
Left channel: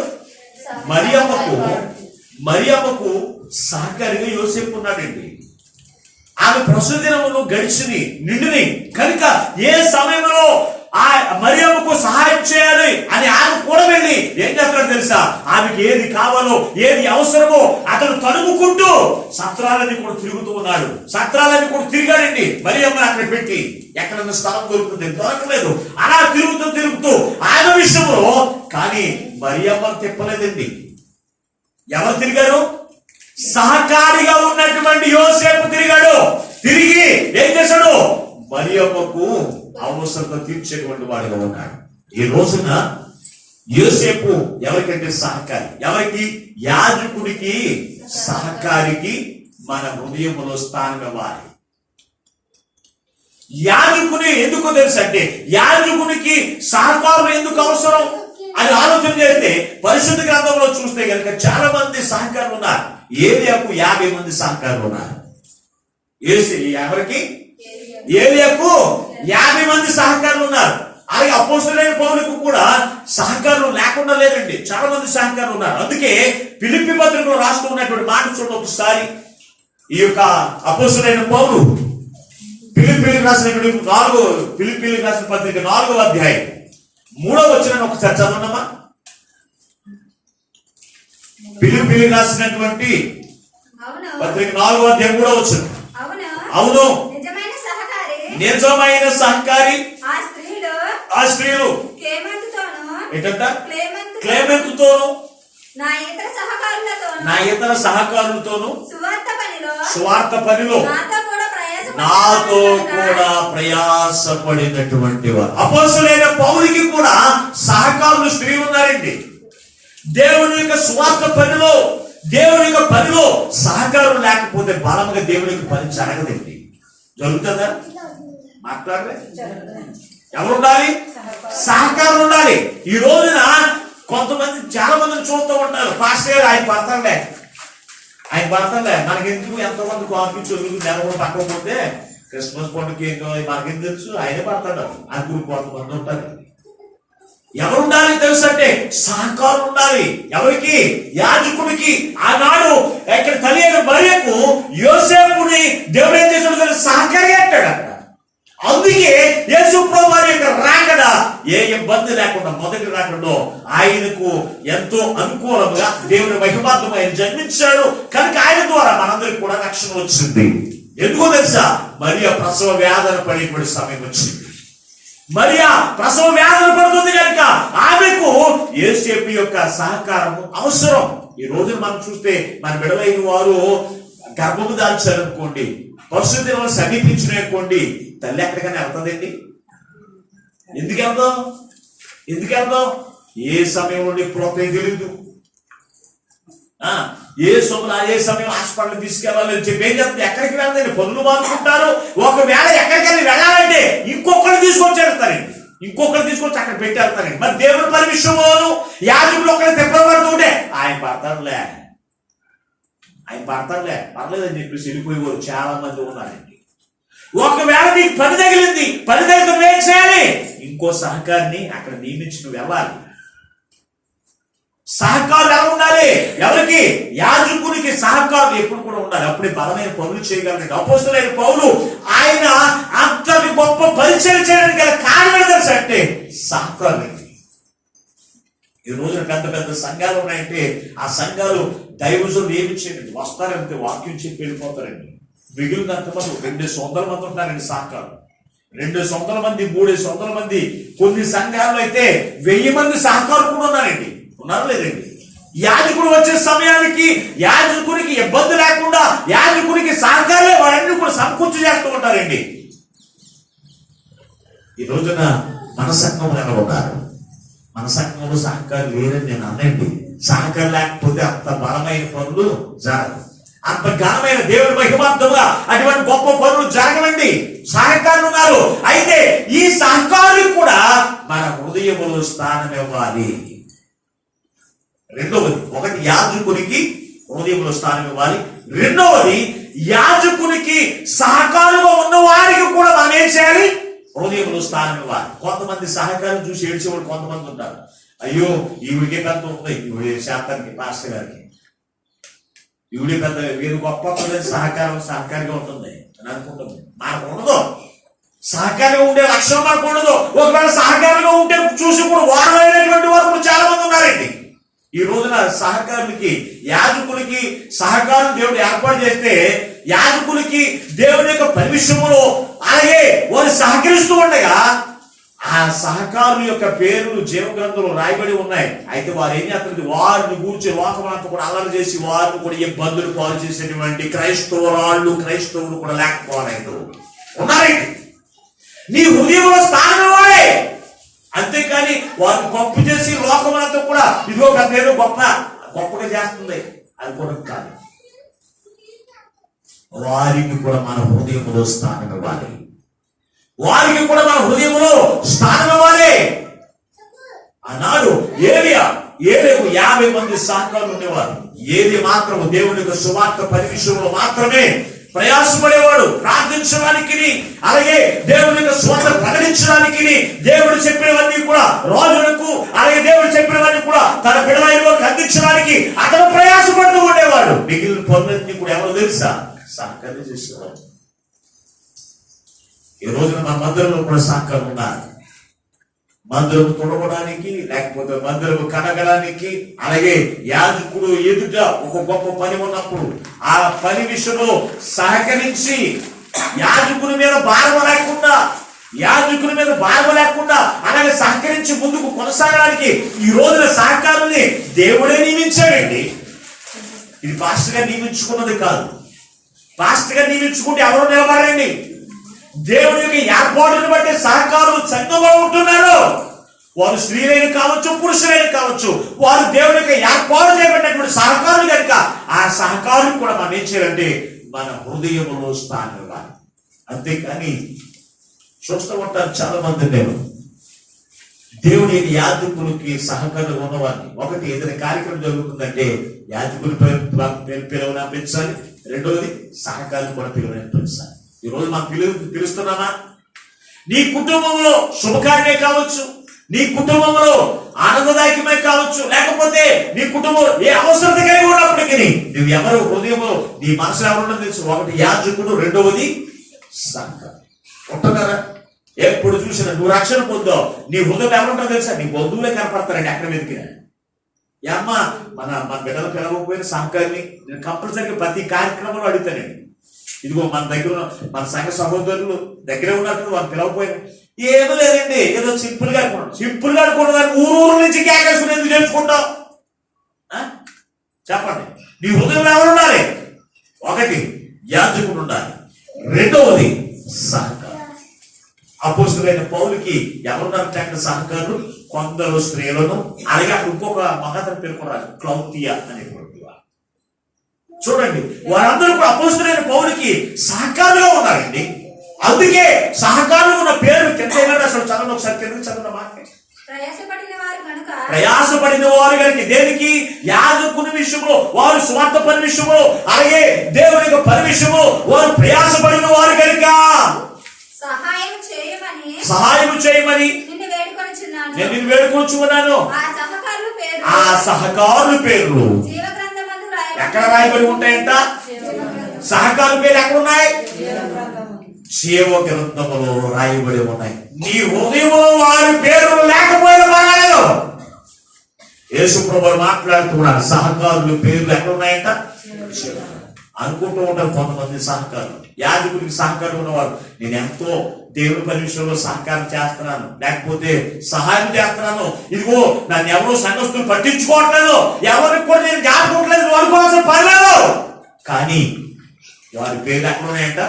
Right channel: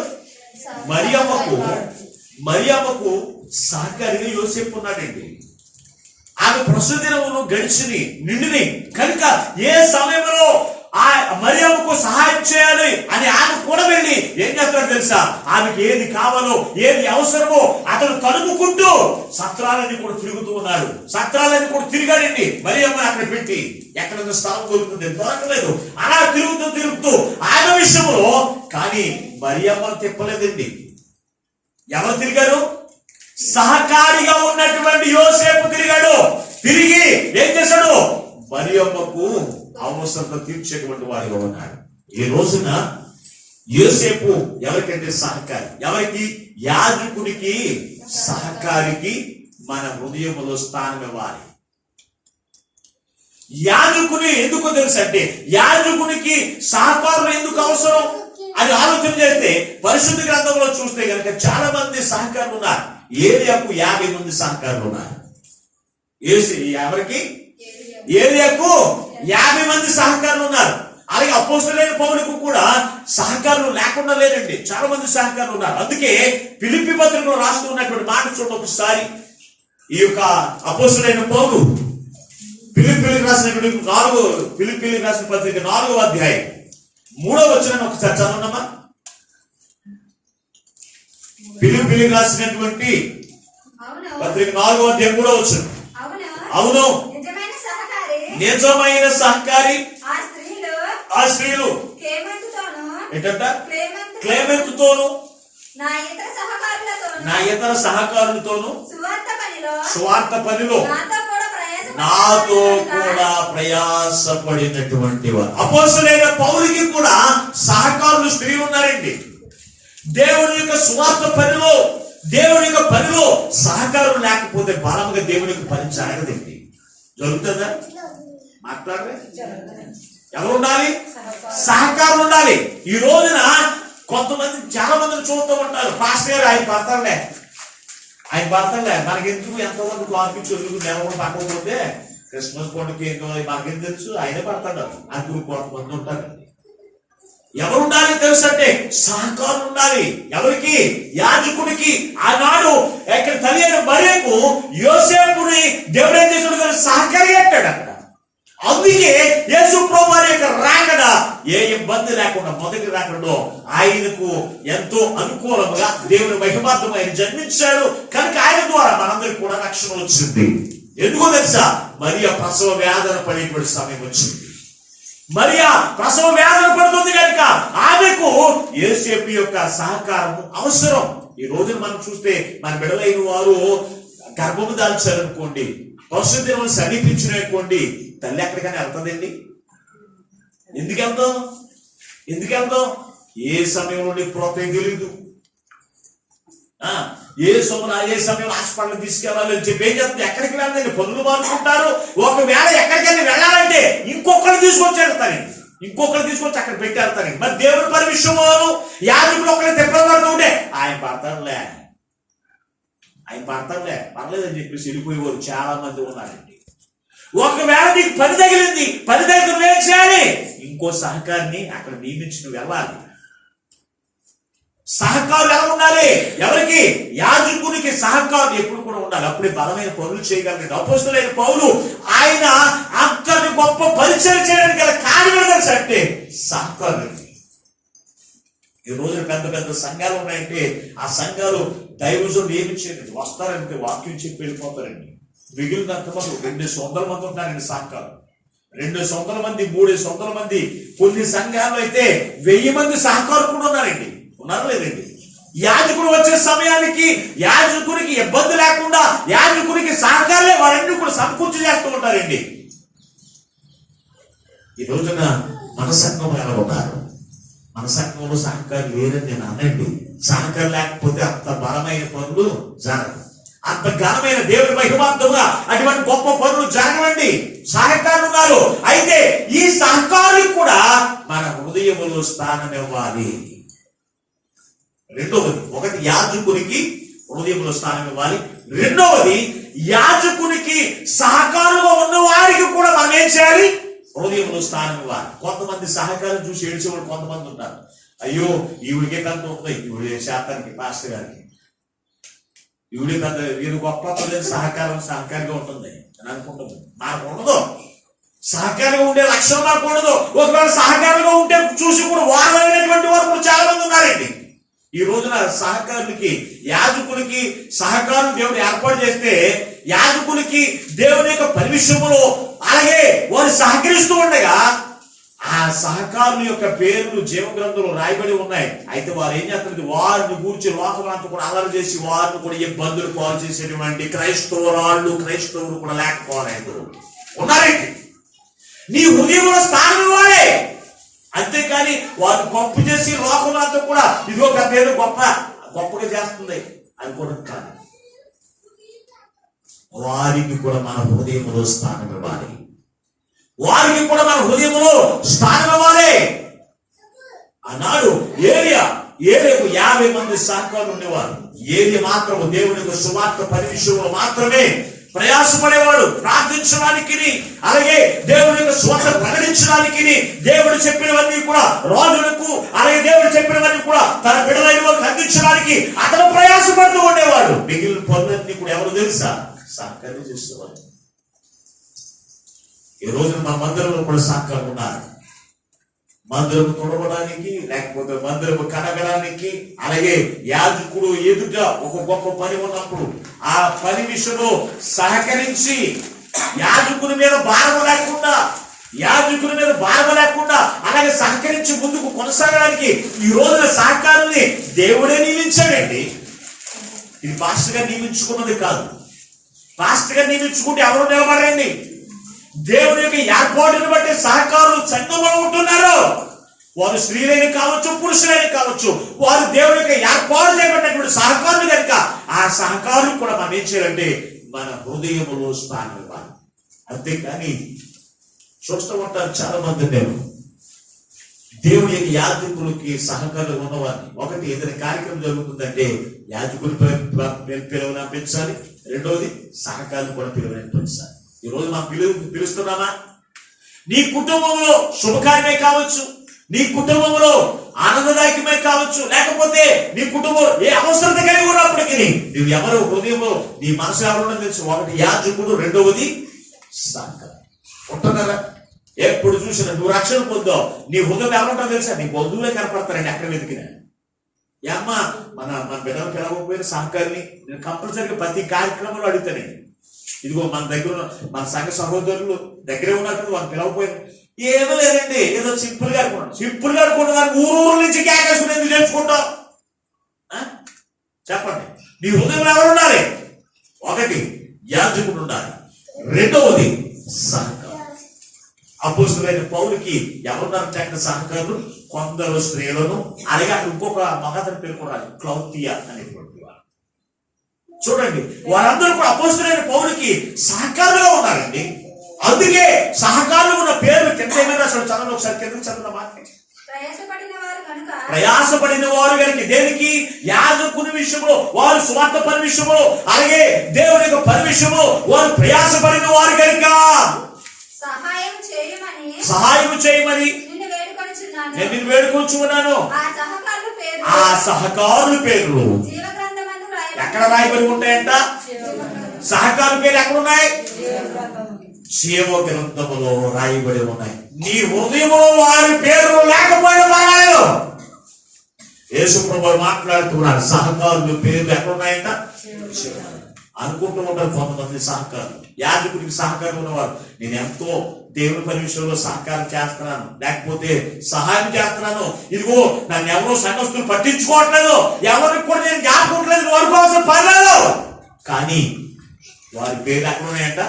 మరియమ్మకు సహకారిగా యోసేపు ఉన్నాడండి. ఆమె ప్రస్తుత దినమును గడిచిని నిండిని కనుక ఏ సమయంలో ఆ మరియమ్మకు సహాయం చేయాలి అని ఆమె కూడా వెళ్ళి ఏం చేస్తాడు తెలుసా? ఆమెకి ఏది కావాలో ఏది అవసరమో అతను తడుముకుంటూ సత్రాలన్నీ కూడా తిరుగుతూ ఉన్నాడు. సత్రాలన్నీ కూడా తిరిగాడండి. మరియమ్మని అక్కడ పెట్టి ఎక్కడన్నా స్థలం దొరుకుతుంది, దొరకలేదు. అలా తిరుగుతూ ఆమె విషయంలో కానీ మరియమ్మను తిప్పలేదండి. ఎవరు తిరిగారు? సహకారిగా ఉన్నటువంటి యోసేపు తిరిగాడు. తిరిగి ఏం చేశాడు? మరియమ్మకు అవసరత తీర్చేటువంటి వాడిగా ఉన్నాడు. ఈ రోజున యోసేపు ఎవరికంటే సహకారి. ఎవరికి? యాజకుడికి సహకారికి మన హృదయంలో స్థానం ఇవ్వాలి. యాజకుని ఎందుకు తెలుసు అంటే, యాజకునికి సహకారులు ఎందుకు అవసరం అని ఆలోచన చేస్తే పరిశుద్ధ గ్రంథంలో చూస్తే కనుక చాలా మంది సహకారులు ఉన్నారు. ఏలియాకు 50 మంది సహకారులు ఉన్నారు. ఎవరికి? ఏలియాకు 50 మంది సహకారులు ఉన్నారు. అలాగే అపోస్తలుడైన పౌలుకు కూడా సహకారులు లేకుండా లేరండి, చాలా మంది సహకారులు ఉన్నారు. అందుకే ఫిలిప్పీ పత్రికలో రాస్తూ ఉన్నటువంటి మాట చూడండి ఒకసారి. ఈ యొక్క అపోస్తలుడైన పౌలు ఫిలిప్పీలకు రాసిన పత్రిక 4వ అధ్యాయం 3వ వచనం ఒకసారి చదవండమ్మా. ఫిలిప్పీలకు రాసినటువంటి పత్రిక 4వ అధ్యాయం 3వ వచనం. అవును, నిజమైన సహకారి ఆ స్త్రీలు ఏంటంట? క్లేమెంతుతోను నా ఇతర సహకారులతోను సువార్త పనిలో నాతో కూడా ప్రయాసపడినటువంటి వారు. అపోస్తలుడైన పౌలుకి కూడా సహకారులు స్త్రీలు ఉన్నారండి. దేవుని యొక్క సువార్త పనిలో, దేవుని యొక్క పనిలో సహకారం లేకపోతే బలముగా దేవుని యొక్క పని జరగదండి. జరుగుతుందా? మాట్లాడరే? ఎవరు ఉండాలి? సహకారం ఉండాలి. ఈ రోజున కొంతమంది చాలా మందిని చూస్తూ ఉంటారు. పాస్టర్ గారు ఆయన భర్తలే మనకెందుకు, ఎంతోమంది కాన్ఫిడెన్స్ నెలలు పక్కకపోతే క్రిస్మస్ పండుగ మనకేం తెలుసు, ఆయనే పడతాడు. అందుకు కొంతమంది ఉంటారు. ఎవరు ఉండాలి తెలుసు అంటే సహకారం ఉండాలి. ఎవరికి? యాజకుడికి. ఆనాడు ఇక్కడ తల్లి అయిన మరియకు యోసేపుని దేవుడు ఏం చేశాడు? సహకారి అంటాడు అక్కడ. అందుకే యేసు ప్రభువు వారి యొక్క రాకడ ఏ ఇబ్బంది లేకుండా, మొదటి రాకడలో ఆయనకు ఎంతో అనుకూలంగా దేవుని మహిమార్థమై జన్మించాడు. కనుక ఆయన ద్వారా మనందరికి కూడా రక్షణ వచ్చింది. ఎందుకో తెలుసా? మరియ ప్రసవ వేదన పడేటువంటి సమయం వచ్చింది. మరియా ప్రసవ వేదన పడుతుంది కనుక ఆమెకు యోసేపు యొక్క సహకారము అవసరం. ఈ రోజు మనం చూస్తే మన బిడ్డలైన వారు గర్భము దాల్చారనుకోండి, పరిశుద్ధ దినములు సమీపించిననుకోండి, తల్లి ఎక్కడికైనా వెళ్తుందండి? ఎందుకు వెళ్దాం? ఏ సమయంలో నీకు ప్రోత్సాహం తెలియదు. ఏ సమయం హాస్పిటల్ తీసుకెళ్ళాలని చెప్పి ఏం చెప్తే ఎక్కడికి వెళ్ళండి, పనులు మార్చుకుంటారు. ఒకవేళ ఎక్కడికైనా వెళ్ళాలంటే ఇంకొకరు తీసుకొచ్చేస్తారండి. ఇంకొకరు తీసుకొచ్చి అక్కడ పెట్టి వెళ్తారండి. మరి దేవుని పని విషయంలోను యాజకులు ఒకరు తిప్పబడుతుంటే ఆయన పడతారులే పర్లేదని చెప్పేసి వెళ్ళిపోయేవారు చాలా మంది ఉన్నారండి. ఒకవేళ నీకు పని తగిలింది, పని తగిలిన ఏం చేయాలి? ఇంకో సహకారిని అక్కడ నియమించి నువ్వు వెళ్ళాలి. సహకారులు ఎలా ఉండాలి? ఎవరికి? యాజకునికి సహకారులు ఎప్పుడు కూడా ఉండాలి. అప్పుడే బలమైన పనులు చేయగలండి. అపోస్తలుడైన పౌలు ఆయన అంతటి గొప్ప పరిచయం చేయడానికి గల కారణం తెలుసు అంటే సహకారులు. ఈ రోజున పెద్ద పెద్ద సంఘాలు ఉన్నాయంటే ఆ సంఘాలు దైవజులు నియమించేయండి, వస్తారంటే వాక్యం చెప్పి వెళ్ళిపోతారండి. మిగిలినంత మంది 200 మంది ఉంటారండి సహకారులు. 200 మంది, 300 మంది. కొన్ని సంఘాల్లో అయితే 1000 మంది సహకారులు కూడా ఉన్నారండి. ఉన్నారా లేదండి? యాజకుడు వచ్చే సమయానికి యాజకునికి ఇబ్బంది లేకుండా యాజకునికి సహకారులే వారన్నీ కూడా సమకూర్చి చేస్తూ ఉంటారండి. ఈ రోజున మన సంఘంలో ఎలా ఉన్నారు? మన సంఘంలో సహకారం లేరని నేను అనండి. సహకారం లేకపోతే అంత బలమైన పనులు జరగవు. అంత ఘనమైన దేవుని మహిమార్థంగా అటువంటి గొప్ప పనులు జరగవండి. సహకారులు ఉన్నారు. అయితే ఈ సహకారులు కూడా మన హృదయములో స్థానం ఇవ్వాలి. రెండవది, ఒకటి యాజకునికి హృదయంలో స్థానం ఇవ్వాలి. రెండవది, యాజకునికి సహకారులుగా ఉన్న వారికి కూడా మనం ఏం చేయాలి? హృదయంలో స్థానం ఇవ్వాలి. కొంతమంది సహకారం చూసి ఏడ్చేవాడు కొంతమంది ఉంటారు. అయ్యో ఈవిడికే పెద్ద ఉంది, ఈవిడ శాతానికి పాస్టర్ గారికి ఈవిడే పెద్ద, వీరు గొప్ప సహకారిగా ఉంటుంది అని అనుకుంటుంది. మనకు ఉండదు. సహకారంగా ఉండే లక్ష్యం మనకు ఉండదు. ఒకవేళ సహకారంగా ఉంటే చూసి కూడా వారమైనటువంటి వారు కూడా చాలా మంది ఉన్నారండి. ఈ రోజున సహకారులకి యాజకులకి సహకారం దేవుడు ఏర్పాటు చేస్తే యాజకులకి దేవుని యొక్క పని విషయంలో అలాగే వారు సహకరిస్తూ ఉండగా ఆ సహకారుల యొక్క పేర్లు జీవగ్రంథంలో రాయబడి ఉన్నాయి. అయితే వారు ఏం చేస్తారు? వారిని గూర్చి లోకమంతా కూడా అల్లరి చేసి వారిని కూడా ఇబ్బందులు పాలు చేసేటువంటి క్రైస్తవులు కూడా లేకపోలేదు, ఉన్నారండి. నీ హృదయంలో స్థానం ఇవ్వాలి. అంతేకాని వారిని గొప్ప చేసి లోకమంతా కూడా ఇదిగో పెద్ద ఏదో గొప్పగా చేస్తుంది అనుకోవడం కాదు. వారికి కూడా మన హృదయంలో స్థానం ఇవ్వాలి. వారికి కూడా మన హృదయంలో స్థానం ఇవ్వాలి. ఆనాడు ఏలేకు 50 మంది సహకారులు ఉండేవారు. ఏలి మాత్రం దేవుని యొక్క సువార్త పని విషయంలో మాత్రమే ప్రయాసపడేవాడు. ప్రార్థించడానికి, అలాగే దేవుని యొక్క సువార్త ప్రకటించడానికి, దేవుడు చెప్పినవన్నీ కూడా రాజులకు, అలాగే దేవుడు చెప్పినవన్నీ కూడా తన బిడ్డలకు అందించడానికి అతను ప్రయాసపడుతూ ఉండేవాడు. మిగిలిన పనులన్నీ కూడా ఎవరు తెలుసా? సహకారం చేసేవాడు. ఈ రోజున మన మందిరంలో కూడా సహకారం ఉన్నారు. మందిరం తుడవడానికి, లేకపోతే మందిరం కడగడానికి, అలాగే యాజకుడు ఎదుట ఒక గొప్ప పని ఉన్నప్పుడు ఆ పని విషయంలో సహకరించి యాజకుని మీద భారం లేకుండా అలాగే సహకరించి ముందుకు కొనసాగడానికి ఈ రోజున సహకారాన్ని దేవుడే నియమించాడండి. ఇది పాస్టర్ గా నియమించుకున్నది కాదు. పాస్టర్ గా నియమించుకుంటే ఎవరు నిలబడండి? దేవుని యొక్క ఏర్పాటును బట్టి సహకారులు సంఘంలో ఉంటున్నారు. వారు స్త్రీలైన కావచ్చు, పురుషులైన కావచ్చు, వారు దేవుని యొక్క ఏర్పాటు చేయబడినటువంటి సహకారులు కనుక ఆ సహకారులు కూడా మనం ఏం చేయాలంటే మన హృదయంలో స్థానం ఇవ్వాలి. అంతేకాని చూస్తూ ఉంటారు చాలా మంది, నేను దేవుని యొక్క యాజకులకి సహకారులు ఉన్నవారిని, ఒకటి ఏదైనా కార్యక్రమం జరుగుతుందంటే యాజకుల పిలువనంపించాలి. రెండవది సహకారులు కూడా పిలువనంపించాలి. ఈ రోజు మనం పిలుస్తున్నామా? నీ కుటుంబంలో శుభకార్యమే కావచ్చు, నీ కుటుంబంలో ఆనందదాయకమే కావచ్చు, లేకపోతే నీ కుటుంబంలో ఏ అవసరత కలిగి ఉన్నప్పటికీ నువ్వు ఎవరు హృదయంలో నీ మనసు ఎవరున్నది తెలుసు. ఒకటి యాజకుడు, రెండవది సహకారం. ఉంటున్నారా? ఎప్పుడు చూసినా నువ్వు రక్షణ పొందావు, నీ హృదయం ఎవరుంటారో తెలుసా? నీ బంధువులే కనపడతారండి ఎక్కడ వెతికినా. అమ్మ మన బిడ్డలు పిలవకపోయిన సహకారిని నేను కంపల్సరీగా ప్రతి కార్యక్రమంలో అడుగుతానండి. ఇదిగో మన దగ్గర మన సంఘ సహోదరులు దగ్గరే ఉన్నట్టు వాళ్ళు పిలవపోయిన ఏమీ లేదండి, ఏదో సింపుల్ గా అనుకున్నాం కానీ ఊరు నుంచి కేకేసుకుని ఎందుకు చేర్చుకుంటావు? చెప్పండి. నీ హృదయంలో ఎవరు ఉండాలి? ఒకటి యాజకుడు ఉండాలి, రెండవది సహకారం. అపోస్తలుడైన పౌలుకి ఎవరున్నారంటే అక్కడ సహకారులు కొందరు స్త్రీలను, అలాగే అక్కడ ఇంకొక మగతను పేర్కొన్నారు, క్లౌతియా అనేటువంటి. చూడండి, వారందరూ కూడా అపోస్తలుడైన పౌలుకి సహకారులుగా ఉన్నారండి. అందుకే సహకారులు ఉన్న పేర్లు కింద ఏమైనా రాశాడు, చదవండి ఒకసారి, కింద చదవండి మాట. ప్రయాసపడిన వారు కనుక దేనికి? యాజకుని విషయంలో, వారు స్వార్థ పని విషయంలో, అలాగే దేవుని యొక్క పని విషయంలో వారు ప్రయాసపడిన వారు కనుక సహాయం చేయమని నేను నిన్ను వేడుకొంచుకున్నాను. ఆ సహకారుల పేర్లు ఎక్కడ రాయబడి ఉంటాయంట? సహకారుల పేర్లు ఎక్కడ ఉన్నాయి? జీవ గ్రంథములో రాయబడి ఉన్నాయి. నీ హృదయంలో వారి పేర్లు లేకపోయినా పర్వాలేదు. యేసు ప్రభువు మాట్లాడుతున్నాడు, సహకారుల పేర్లు ఎక్కడ ఉన్నాయంట? అనుకుంటూ ఉంటారు కొంతమంది సహకారులు, యాజకుడికి సహకారం ఉన్నవారు, నేను ఎంతో దేవుని పని విషయంలో సహకారం చేస్తున్నాను, లేకపోతే సహాయం చేస్తున్నాను, ఇదిగో నన్ను ఎవరో సంఘస్థులు పట్టించుకోవట్లేదు, ఎవరికి కూడా నేను జ్ఞాపకట్లేదు, అనుకోవాల్సిన పర్లేదు. కానీ వారి పేర్లు ఎక్కడ ఉన్నాయంట?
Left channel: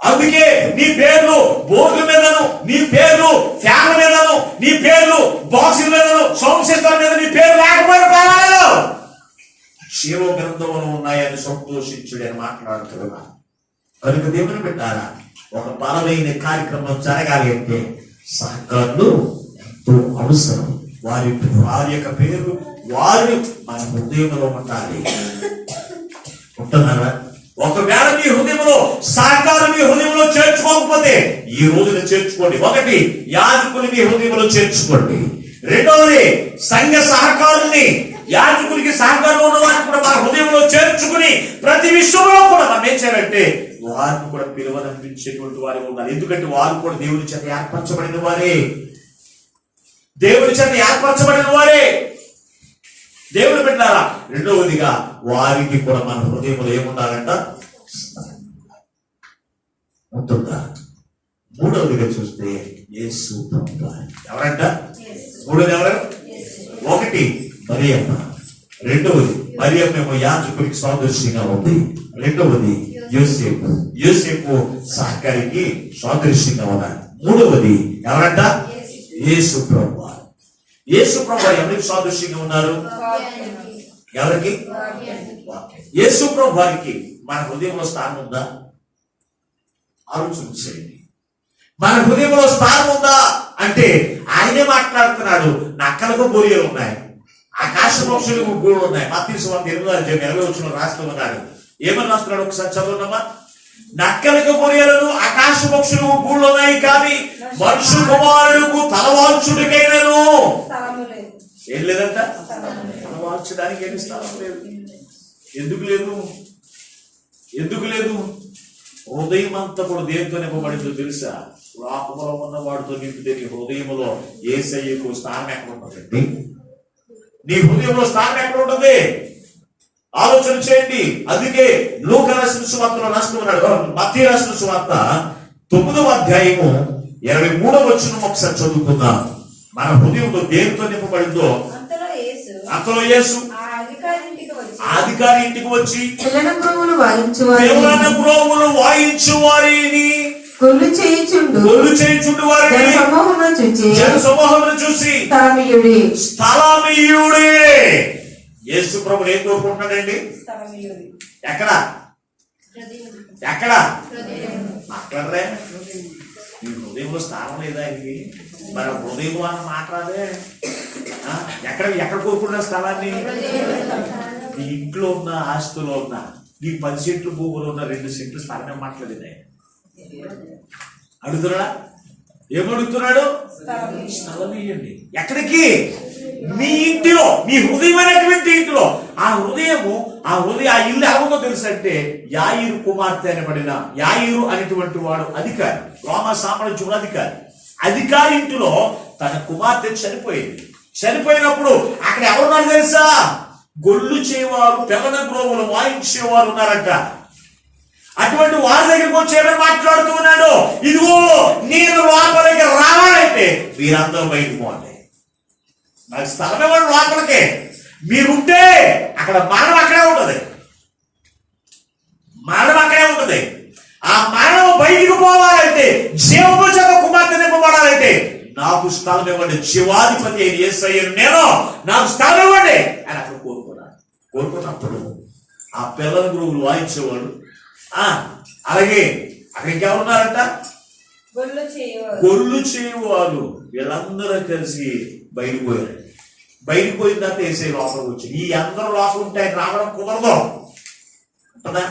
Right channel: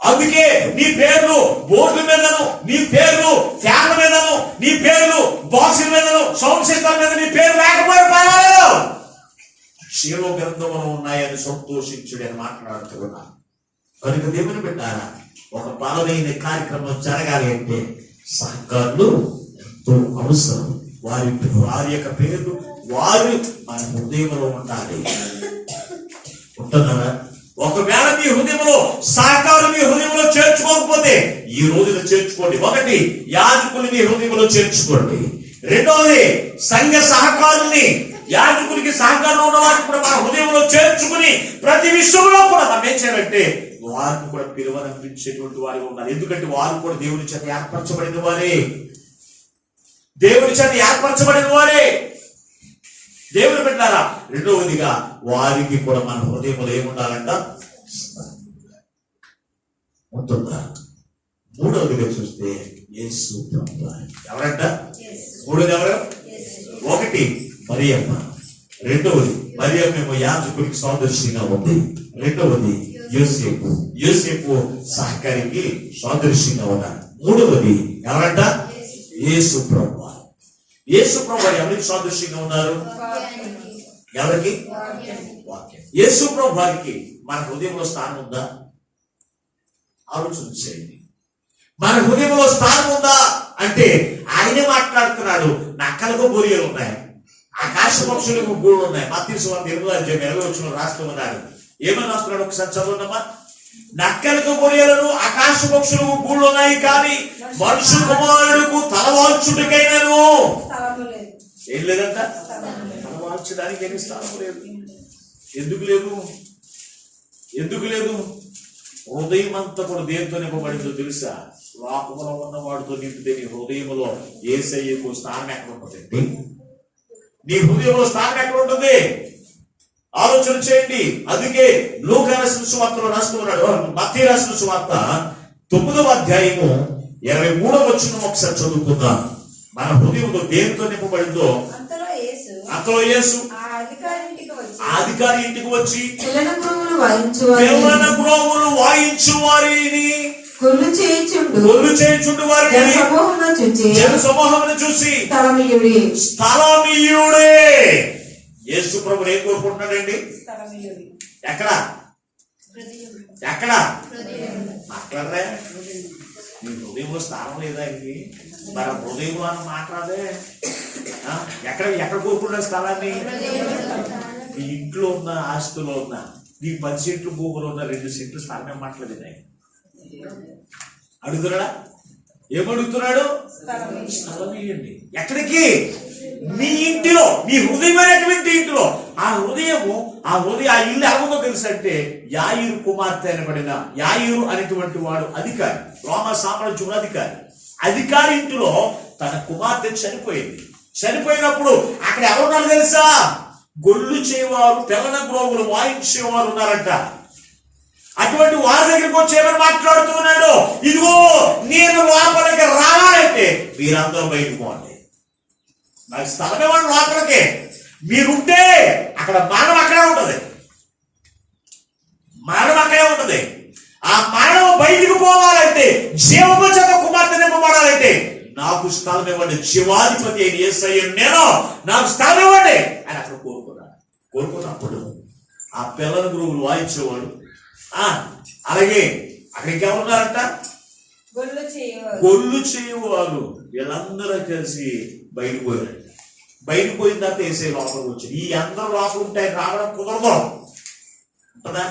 అందుకే నీ పేర్లు బోర్డుల మీదను, నీ పేర్లు ఫ్యాన్ల మీదను, నీ పేర్లు బాక్సుల మీదను, సౌండ్ సిస్టమ్ మీద నీ పేరు లేకపోయినా పర్వాలేదు, జీవ గ్రంథంలో ఉన్నాయని సంతోషించుడు అని మాట్లాడుతున్నా. కనుక దేవుని పెట్టారా, ఒక బలమైన కార్యక్రమం జరగాలి అంటే సహకారులు ఎంతో అవసరం. వారి యొక్క పేర్లు వారు మన హృదయంలో ఉండాలి. ఉంటున్నారా? ఒకవేళ మీ హృదయంలో సహకారం మీ హృదయంలో చేర్చుకోకపోతే ఈ రోజున చేర్చుకోండి. ఒకటి, యాజకులు మీ హృదయంలో చేర్చుకోండి. రెండవది, సంఘ సహకారుల్ని, యాజకుడికి సహకారం ఉన్న వారిని కూడా మన హృదయంలో చేర్చుకుని ప్రతి విషయంలో కూడా మనం ఏం చేయాలంటే వారిని కూడా పిలువనంపించేటువంటి వారి ఉండాలి. ఎందుకంటే వారు కూడా దేవుని చేత ఏర్పరచబడిన వారే, దేవుని చేత ఏర్పరచబడిన వారే, దేవుని పెట్టారా. రెండవదిగా వారికి కూడా మన హృదయంలో ఏముండాలంట? ఉంటుందా? మూడవదిగా చూస్తే యేసు ప్రభువు. ఎవరంట? మూడవది ఎవరు? ఒకటి మరియమ్మ, రెండవది మరియమ్మ యాజకుడికి సాదృశ్యంగా ఉంది, రెండవది యోసేపు, యోసేపు సహకారికి సాదృశ్యంగా ఉన్నారు, మూడవది ఎవరంట? యేసు ప్రభువు. యేసు ప్రభువు ఎవరికి సాదృశ్యంగా ఉన్నారు? ఎవరికి? యేసు ప్రభు వారికి మన హృదయంలో స్థానం ఉందా? ఆలోచన చేయండి. మన హృదయంలో స్థానం ఉందా అంటే ఆయనే మాట్లాడుతున్నాడు, నక్కలకు బొరియలు ఉన్నాయి, ఆకాశ పక్షులకు గూళ్ళు ఉన్నాయి. మత్తయి సువార్త 8:20 రాస్తున్నాడు. ఏమని రాస్తున్నాడు ఒకసారి చదువునమ్మా. నక్కలకు బొరియలను ఆకాశ పక్షులకు గూళ్ళు ఉన్నాయి, కానీ మనుషు కుమారుడుకు తలవాల్చుడికైనను ఏం లేదంట. తలవాల్చడానికి ఏమి స్థానం లేదు. ఎందుకు లేదు? ఎందుకు లేదు? హృదయం అంతా కూడా దేనితో నింపబడిందో తెలుసా? లోకంలో ఉన్న వాడితో నింపితే నీ హృదయంలో యేసయ్యకు స్థానం ఎక్కడ ఉంటుందండి? నీ హృదయంలో స్థానం ఎక్కడ ఉంటుంది? ఆలోచన చేయండి. అందుకే లూకా రాసిన సువార్తలో రాస్తున్నాడు, మత్తయి రాసిన సువార్త 9వ అధ్యాయము 23వ వచనం ఒకసారి చదువుకుందాం. మన హృదయంలో దేనితో నింపబడిందో అంతలో యేసు అధికారి ఇంటికి వచ్చి పిల్లల గ్రోవులు వాయించు వారిని గొల్లు చేయించుండు వారిని జన సమూహమును చూసి స్థలమీయుడే. యేసు ప్రభువు ఏం కోరుకుంటున్నాడండి? ఎక్కడ ఎక్కడ మాట్లాడరే? నీ హృదయంలో స్థానం లేదా? ఆయనకి మన హృదయంలో అన్న మాట్లాడే. ఎక్కడ ఎక్కడ కోరుకుంటున్న స్థలాన్ని? నీ ఇంట్లో ఉన్న ఆస్తిలో ఉన్న, నీ 10 సెంట్లు భూములు ఉన్న 2 సెంట్లు స్థలం ఏం మాట్లాడింది ఆయన? అడుగుతున్నాడా? ఏమడుగుతున్నాడు? స్థలం ఇవ్వండి. ఎక్కడికి? మీ ఇంటిలో, మీ హృదయమైనటువంటి ఇంటిలో. ఆ ఇల్లు ఏముందో తెలుసు అంటే యాయిరు కుమార్తె అనబడిన యాయిరు అనేటువంటి వాడు అధికారి, రోమా సామ్రాజ్యం అధికారి ఇంటిలో తన కుమార్తె చనిపోయింది. చనిపోయినప్పుడు అక్కడ ఎవరున్నారు తెలుసా? గొల్లు చేయవారు, పిల్లల గ్రోవులు వాయించేవారు ఉన్నారంట. అటువంటి వారి దగ్గరికి వచ్చి ఏమని మాట్లాడుతూ ఉన్నాడు? ఇదిగో నేను లోపలికి రావాలంటే మీరందరూ బయటకు పోండి, నాకు స్థలం ఇవ్వండి లోపలికి. మీరుంటే అక్కడ మరణం అక్కడే ఉంటుంది, మరణం అక్కడే ఉంటుంది. ఆ మరణం బయటికి పోవాలంటే, జీవము చేత కుమార్తె నింపబడాలంటే నాకు స్థలం ఇవ్వండి, జీవాధిపతి అయిన యేసయ్య నేను, నాకు స్థలం ఇవ్వండి అని అక్కడ కోరుకున్నప్పుడు ఆ పిల్లల గురువులు వాయించేవాడు, అలాగే అక్కడ ఇంకెవరున్నారంట? గొల్లు గొల్లు చేయవారు చేయువారు. వీళ్ళందరూ కలిసి బయటకు పోయారు. బయటకు పోయిన తర్వాత యేసయ్య లోపలికి వచ్చాడు. ఈ అందరూ లోపల ఉంటే ఆయన రావడం కుదరదు కదా.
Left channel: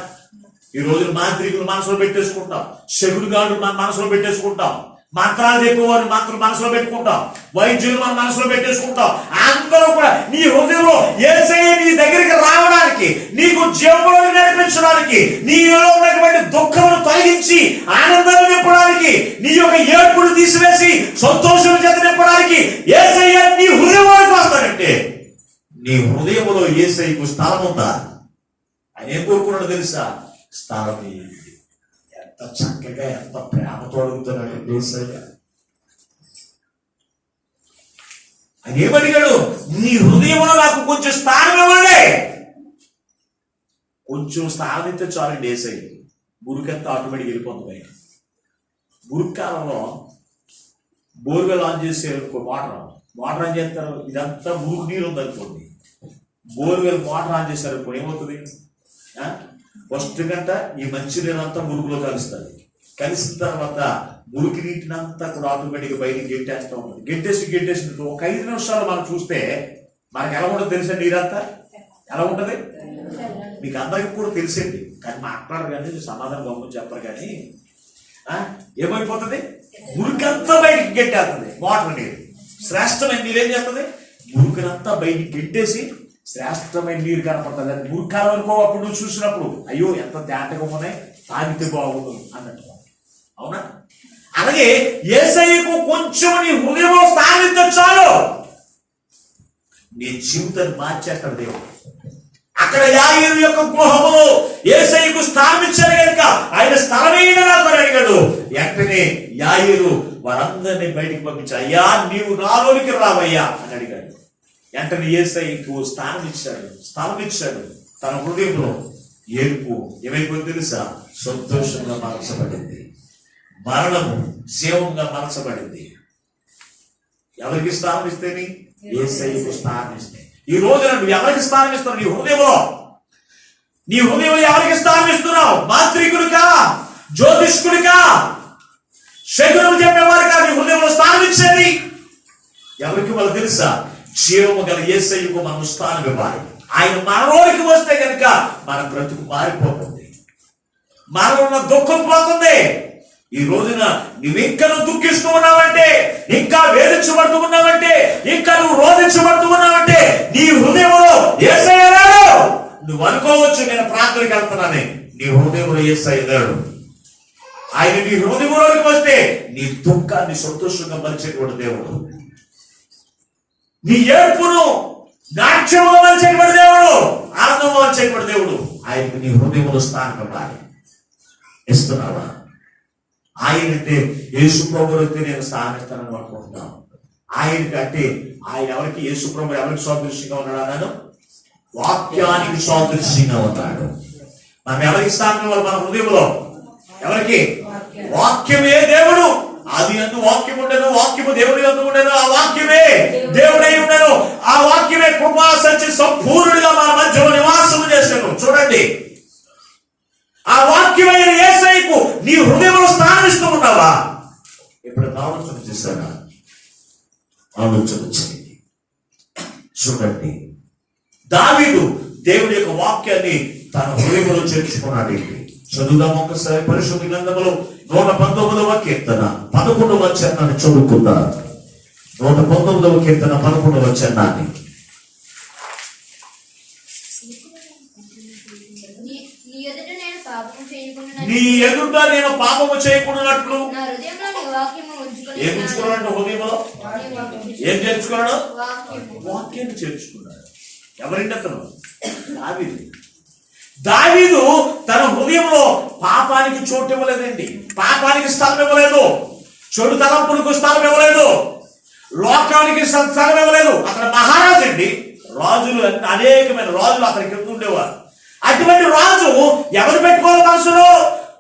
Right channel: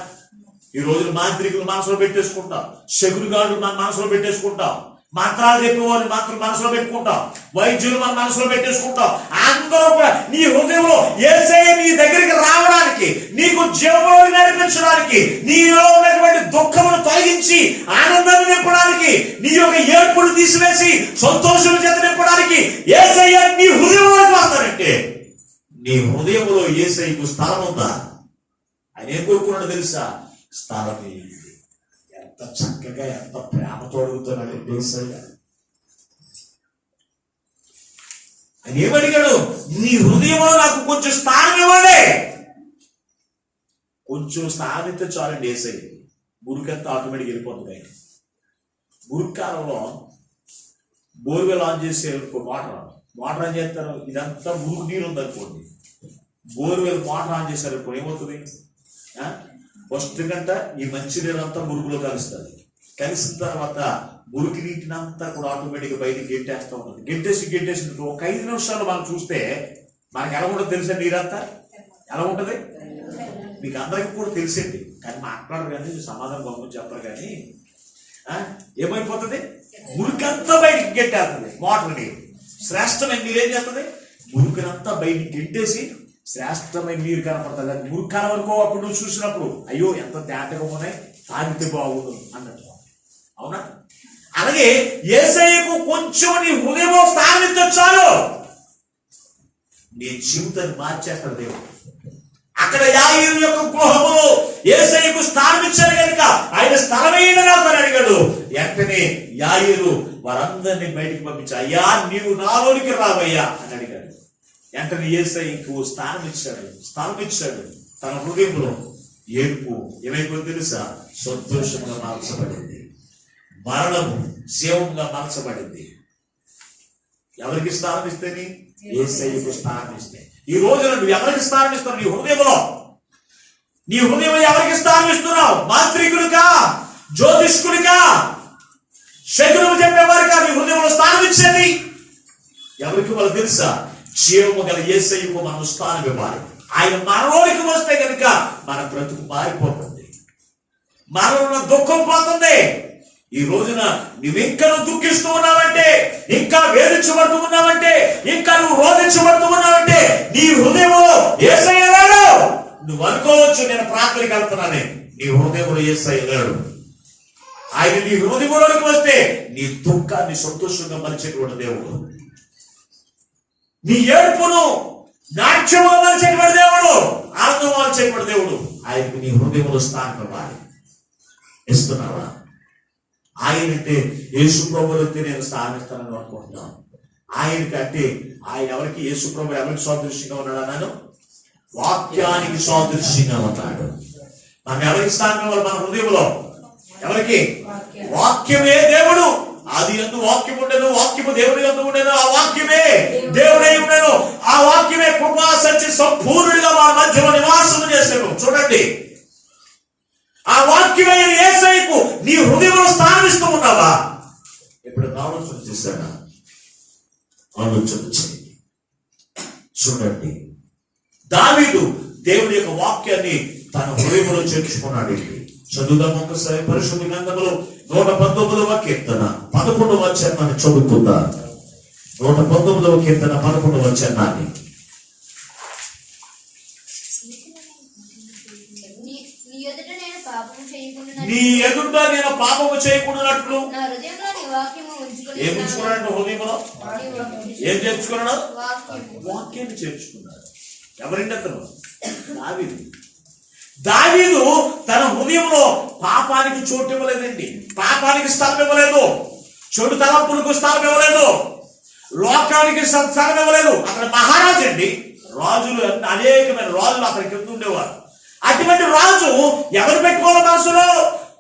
ఈ రోజున మాంత్రికులు మనసులో పెట్టేసుకుంటాం, శకునిగాళ్ళు మన మనసులో పెట్టేసుకుంటాం, మంత్రాలు చెప్పేవారు మంత్రులు మనసులో పెట్టుకుంటాం, వైద్యులు మన మనసులో పెట్టేసుకుంటాం. అందరూ కూడా నీ హృదయంలో యేసయ్య నీ దగ్గరికి రావడానికి, నీకు జీవంలోకి నడిపించడానికి, నీలో ఉన్నటువంటి దుఃఖమును తొలగించి ఆనందాన్ని నింపడానికి, నీ యొక్క ఏడుపును తీసివేసి సంతోషం చేత నింపడానికి యేసయ్య నీ హృదయంలోకి వస్తాడంటే, నీ హృదయంలో యేసయ్యకు స్థలం ఉందా? ఆయన ఏం కోరుకున్నాడు తెలుసా? స్థలం ఇయ్యండి. ఎంత చక్కగా ఎంత ప్రేమతో అడుగుతున్నాడు యేసయ్య. ఆయన ఏమడిగాడు? నీ హృదయంలో నాకు కొంచెం స్థానం ఇవ్వండి. కొంచెం స్థానం ఇస్తే చాలండి యేసయ్య. మురికంతా ఆటోమేటిక్ వెళ్ళిపోతుంది. ఆయన మురికాలంలో బోర్వెల్ ఆన్ చేసే మోటార్ ఆన్ చేస్తారు. ఇదంతా మురుగు నీరు ఉందనుకోండి, బోర్వెల్ మోటార్ ఆన్ చేశారు ఇప్పుడు ఏమవుతుంది? ఫస్ట్ గంట ఈ మంచి నీరు అంతా మురుగులో కలుస్తుంది. కలిసిన తర్వాత మురికి నీటినంతా కూడా ఆటోమేటిక్గా బయటికి గెంటేస్తూ ఉంటుంది. గెంటేసి ఒక 5 నిమిషాలు మనం చూస్తే మనకి ఎలా ఉంటుంది తెలుసా? నీరంతా ఎలా ఉంటుంది? మీకు అందరికీ కూడా తెలిసేది, కానీ మాట్లాడరు కానీ సమాధానం గమని చెప్పరు. కానీ ఏమైపోతుంది? మురికంతా బయటికి గెంటేస్తుంది మోటార్ నీరు. శ్రేష్టమైన నీరేం చేస్తుంది? మురికినంతా బయటికి గెంటేసి శ్రేష్టమైన నీరు కనపడుతుంది. అది మురికాలం వరకు అప్పుడు నువ్వు చూసినప్పుడు అయ్యో ఎంత తేటగా ఉన్నాయి, తాగితే బాగుండు అన్నట్టు. అవునా? అలాగే యేసయ్యకు కొంచెం నీ హృదయంలో స్థానిస్తే చాలు, నీ జీవితాన్ని మార్చేస్తాడు దేవుడు. అక్కడ యాయీరు యొక్క గృహము యేసయ్యకు స్థానం ఇచ్చాడు కనుక ఆయన స్థలమైన నాకు అడిగాడు. వెంటనే యాయీరు వారందరినీ బయటికి పంపించాడు. అయ్యా నీవు నాలోనికి రావయ్యా అని అడిగాడు. వెంటనే యేసయ్యకు స్థలం ఇచ్చాడు. తన హృదయంలో ఏడుపు ఏమైపోయింది తెలుసా? సంతోషంగా మార్చబడింది. మరణము జీవంగా మార్చబడింది. ఎవరికి స్థానం ఇస్తేని? యేసయ్యకు స్థానం ఇస్తే. ఈ రోజున నువ్వు ఎవరికి స్థానం ఇస్తున్నావు? నీ హృదయంలో ఎవరికి స్థానం ఇస్తున్నావు? మాంత్రికుడికా? జ్యోతిష్కుడికా? శకునము చెప్పేవారికా నీ హృదయంలో స్థానం ఇచ్చేది? ఎవరికి వాళ్ళు తెలుసా? జీవము గల యేసయ్యకు మనం స్థానం ఇవ్వాలి. ఆయన మనలోకి వస్తే కనుక మన బ్రతుకు మారిపోతుంది, మనలో దుఃఖం పోతుంది. ఈ రోజున నువ్వింకా దుఃఖిస్తూ ఉన్నావంటే, ఇంకా వేధించబడుతూ ఉన్నావంటే, ఇంకా నువ్వు రోధించబడుతూ ఉన్నావంటే నీ హృదయంలో యేసయ్య లేడు. నువ్వు అనుకోవచ్చు నేను ప్రార్థనకి వెళ్తున్నానే, నీ హృదయంలో యేసయ్య లేడు. ఆయన నీ హృదయంలోకి వస్తే నీ దుఃఖాన్ని సంతోషంగా మలిచేటువంటి దేవుడు, నీ ఏడుపును నాట్యంగా మలిచేటువంటి దేవుడు, ఆనందంగా మలిచేటువంటి దేవుడు. ఆయనకు నీ హృదయంలో స్థానం ఇవ్వాలి. ఇస్తున్నావా? ఆయనంటే యేసు ప్రభువుకి నేను స్థానం ఇస్తానని అనుకుంటున్నాను. ఆయనకంటే ఆయన ఎవరికి? యేసు ప్రభు ఎవరికి సాదృశ్యంగా ఉన్నాడు అన్నాను? వాక్యానికి సాదృశ్యంగా ఉన్నాడు. మనం ఎవరికి స్థానం ఇవ్వాలి? మన హృదయంలో ఎవరికి? వాక్యమే దేవుడు. ఆది యందు వాక్యం ఉండేను, వాక్యము దేవుని యందు ఉండేను, ఆ వాక్యమే దేవుడై ఉండేను, ఆ వాక్యమే కృపా సత్య సంపూర్ణుడిగా మన మధ్యలో నివాసము చేశాను. చూడండి, ఆ వాక్యమైన యేసయ్యకు నీ హృదయంలో స్థానం ఇస్తూ ఉన్నావా? ఇప్పుడు ఆలోచన చేశాడా? ఆలోచన చేయండి. చూడండి, దావీదు దేవుడి యొక్క వాక్యాన్ని తన హృదయంలో చేర్చుకున్నాడు. చదువుదాం ఒకసారి పరిశుద్ధ గ్రంథములో 119వ కీర్తన 11వ వచనాన్ని చదువుకుందా? 119వ కీర్తన 11వ వచనాన్ని. నీ ఎదుట నేను పాపము చేయకుండానట్లు ఏం ఉంచుకున్నాడు? హృదయంలో ఏం చేర్చుకున్నాడు? వాక్యాన్ని చేర్చుకున్నాడు. ఎవరిండి అతను? దావీదు తన హృదయంలో పాపానికి చోటు ఇవ్వలేదండి, పాపానికి స్థలం ఇవ్వలేదు, చెడు తలంపులకు స్థలం ఇవ్వలేదు, లోకానికి స్థలం ఇవ్వలేదు. అతను మహారాజు అండి. రాజులు అనేకమైన రాజులు అతని కింద ఉండేవారు. అటువంటి రాజు ఎవరు పెట్టుకోవాలి మనసులో?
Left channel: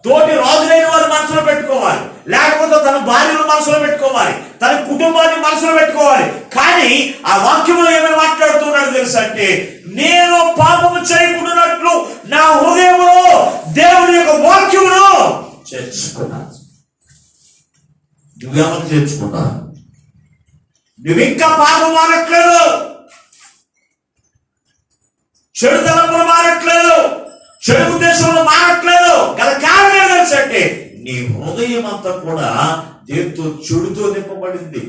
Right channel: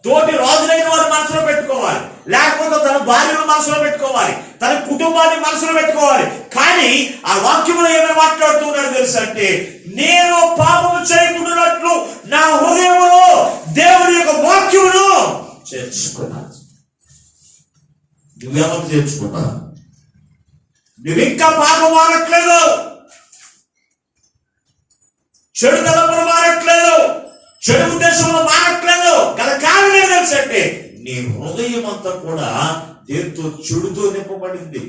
తోటి రాజులైన వారి మనసులో పెట్టుకోవాలి, లేకపోతే తన భార్యను మనసులో పెట్టుకోవాలి, తన కుటుంబాన్ని మనసులో పెట్టుకోవాలి. కానీ ఆ వాక్యంలో ఏమైనా మాట్లాడుతున్నాడు తెలుసా అంటే, నేను పాపము చేయకుండానట్లు నా హృదయంలో దేవుని యొక్క వాక్యమును చేర్చుకున్నాను. నువ్వేమని చేర్చుకున్నా? నువ్వు ఇంకా పాపం మానట్లేదు, చెడు తలంపులు మానట్లేదు, చెడు ఉద్దేశంలో మానట్లేదు. గల కారణం ఏం తెలుసంటే నీ హృదయం అంతా కూడా దేంతో? చెడుతో నింపబడింది.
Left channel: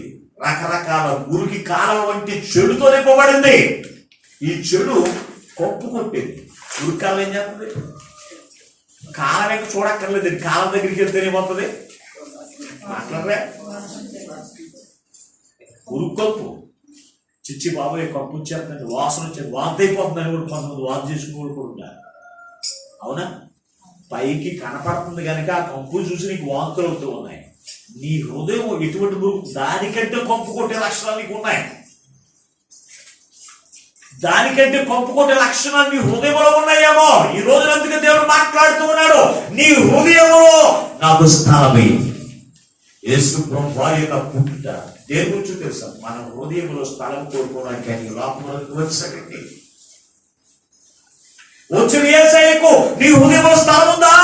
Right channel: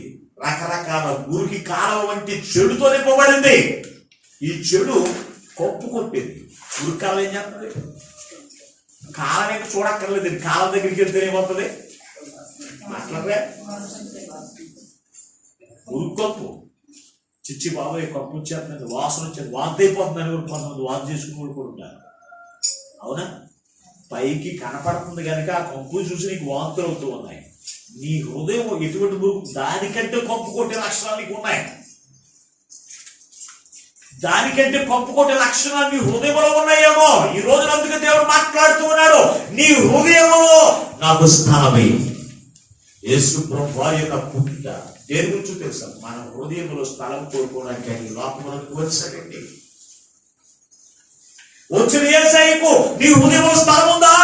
రకరకాల మురికి కాలం వంటి చెడుతో నింపబడింది. ఈ చెడు కొప్పు కొట్టేది. మురికి కాలం ఏం చేస్తుంది? కాలం ఇంకా చూడక్కర్లేదు, కాలం దగ్గరికి వెళ్తే ఏమవుతుంది? మాట్లాడరే ఉరుకొప్పు చిచ్చి బాబాయ్ కప్పు వచ్చేస్తుంది, వాసన వచ్చేది, వాంతి అయిపోతుందని కూడా కొంతమంది వాంతి చేసుకుని కూడా ఉంటారు. అవునా? పైకి కనపడుతుంది కనుక ఆ కంపు చూసి నీకు వాంతులు అవుతూ ఉన్నాయి. నీ హృదయం ఎటువంటి మురుగు? దానికంటే కంపు కొట్టే లక్షణాలు నీకు ఉన్నాయి. దానికంటే కంపు కొట్టే లక్షణాలు నీ హృదయంలో ఉన్నాయేమో. ఈ రోజు అందుకే దేవుడు మాట్లాడుతూ ఉన్నాడు, నీ హృదయంలో నాకు స్థానమే. యేసు ప్రభువు వారి యొక్క పుట్టుట దేని గురించి తెలుసా? మన హృదయంలో స్థలం కోరుకోవడానికి ఆయన లోకములకు వచ్చాడండి. వచ్చిన యేసయ్యకు నీ హృదయంలో స్థలం ఉందా?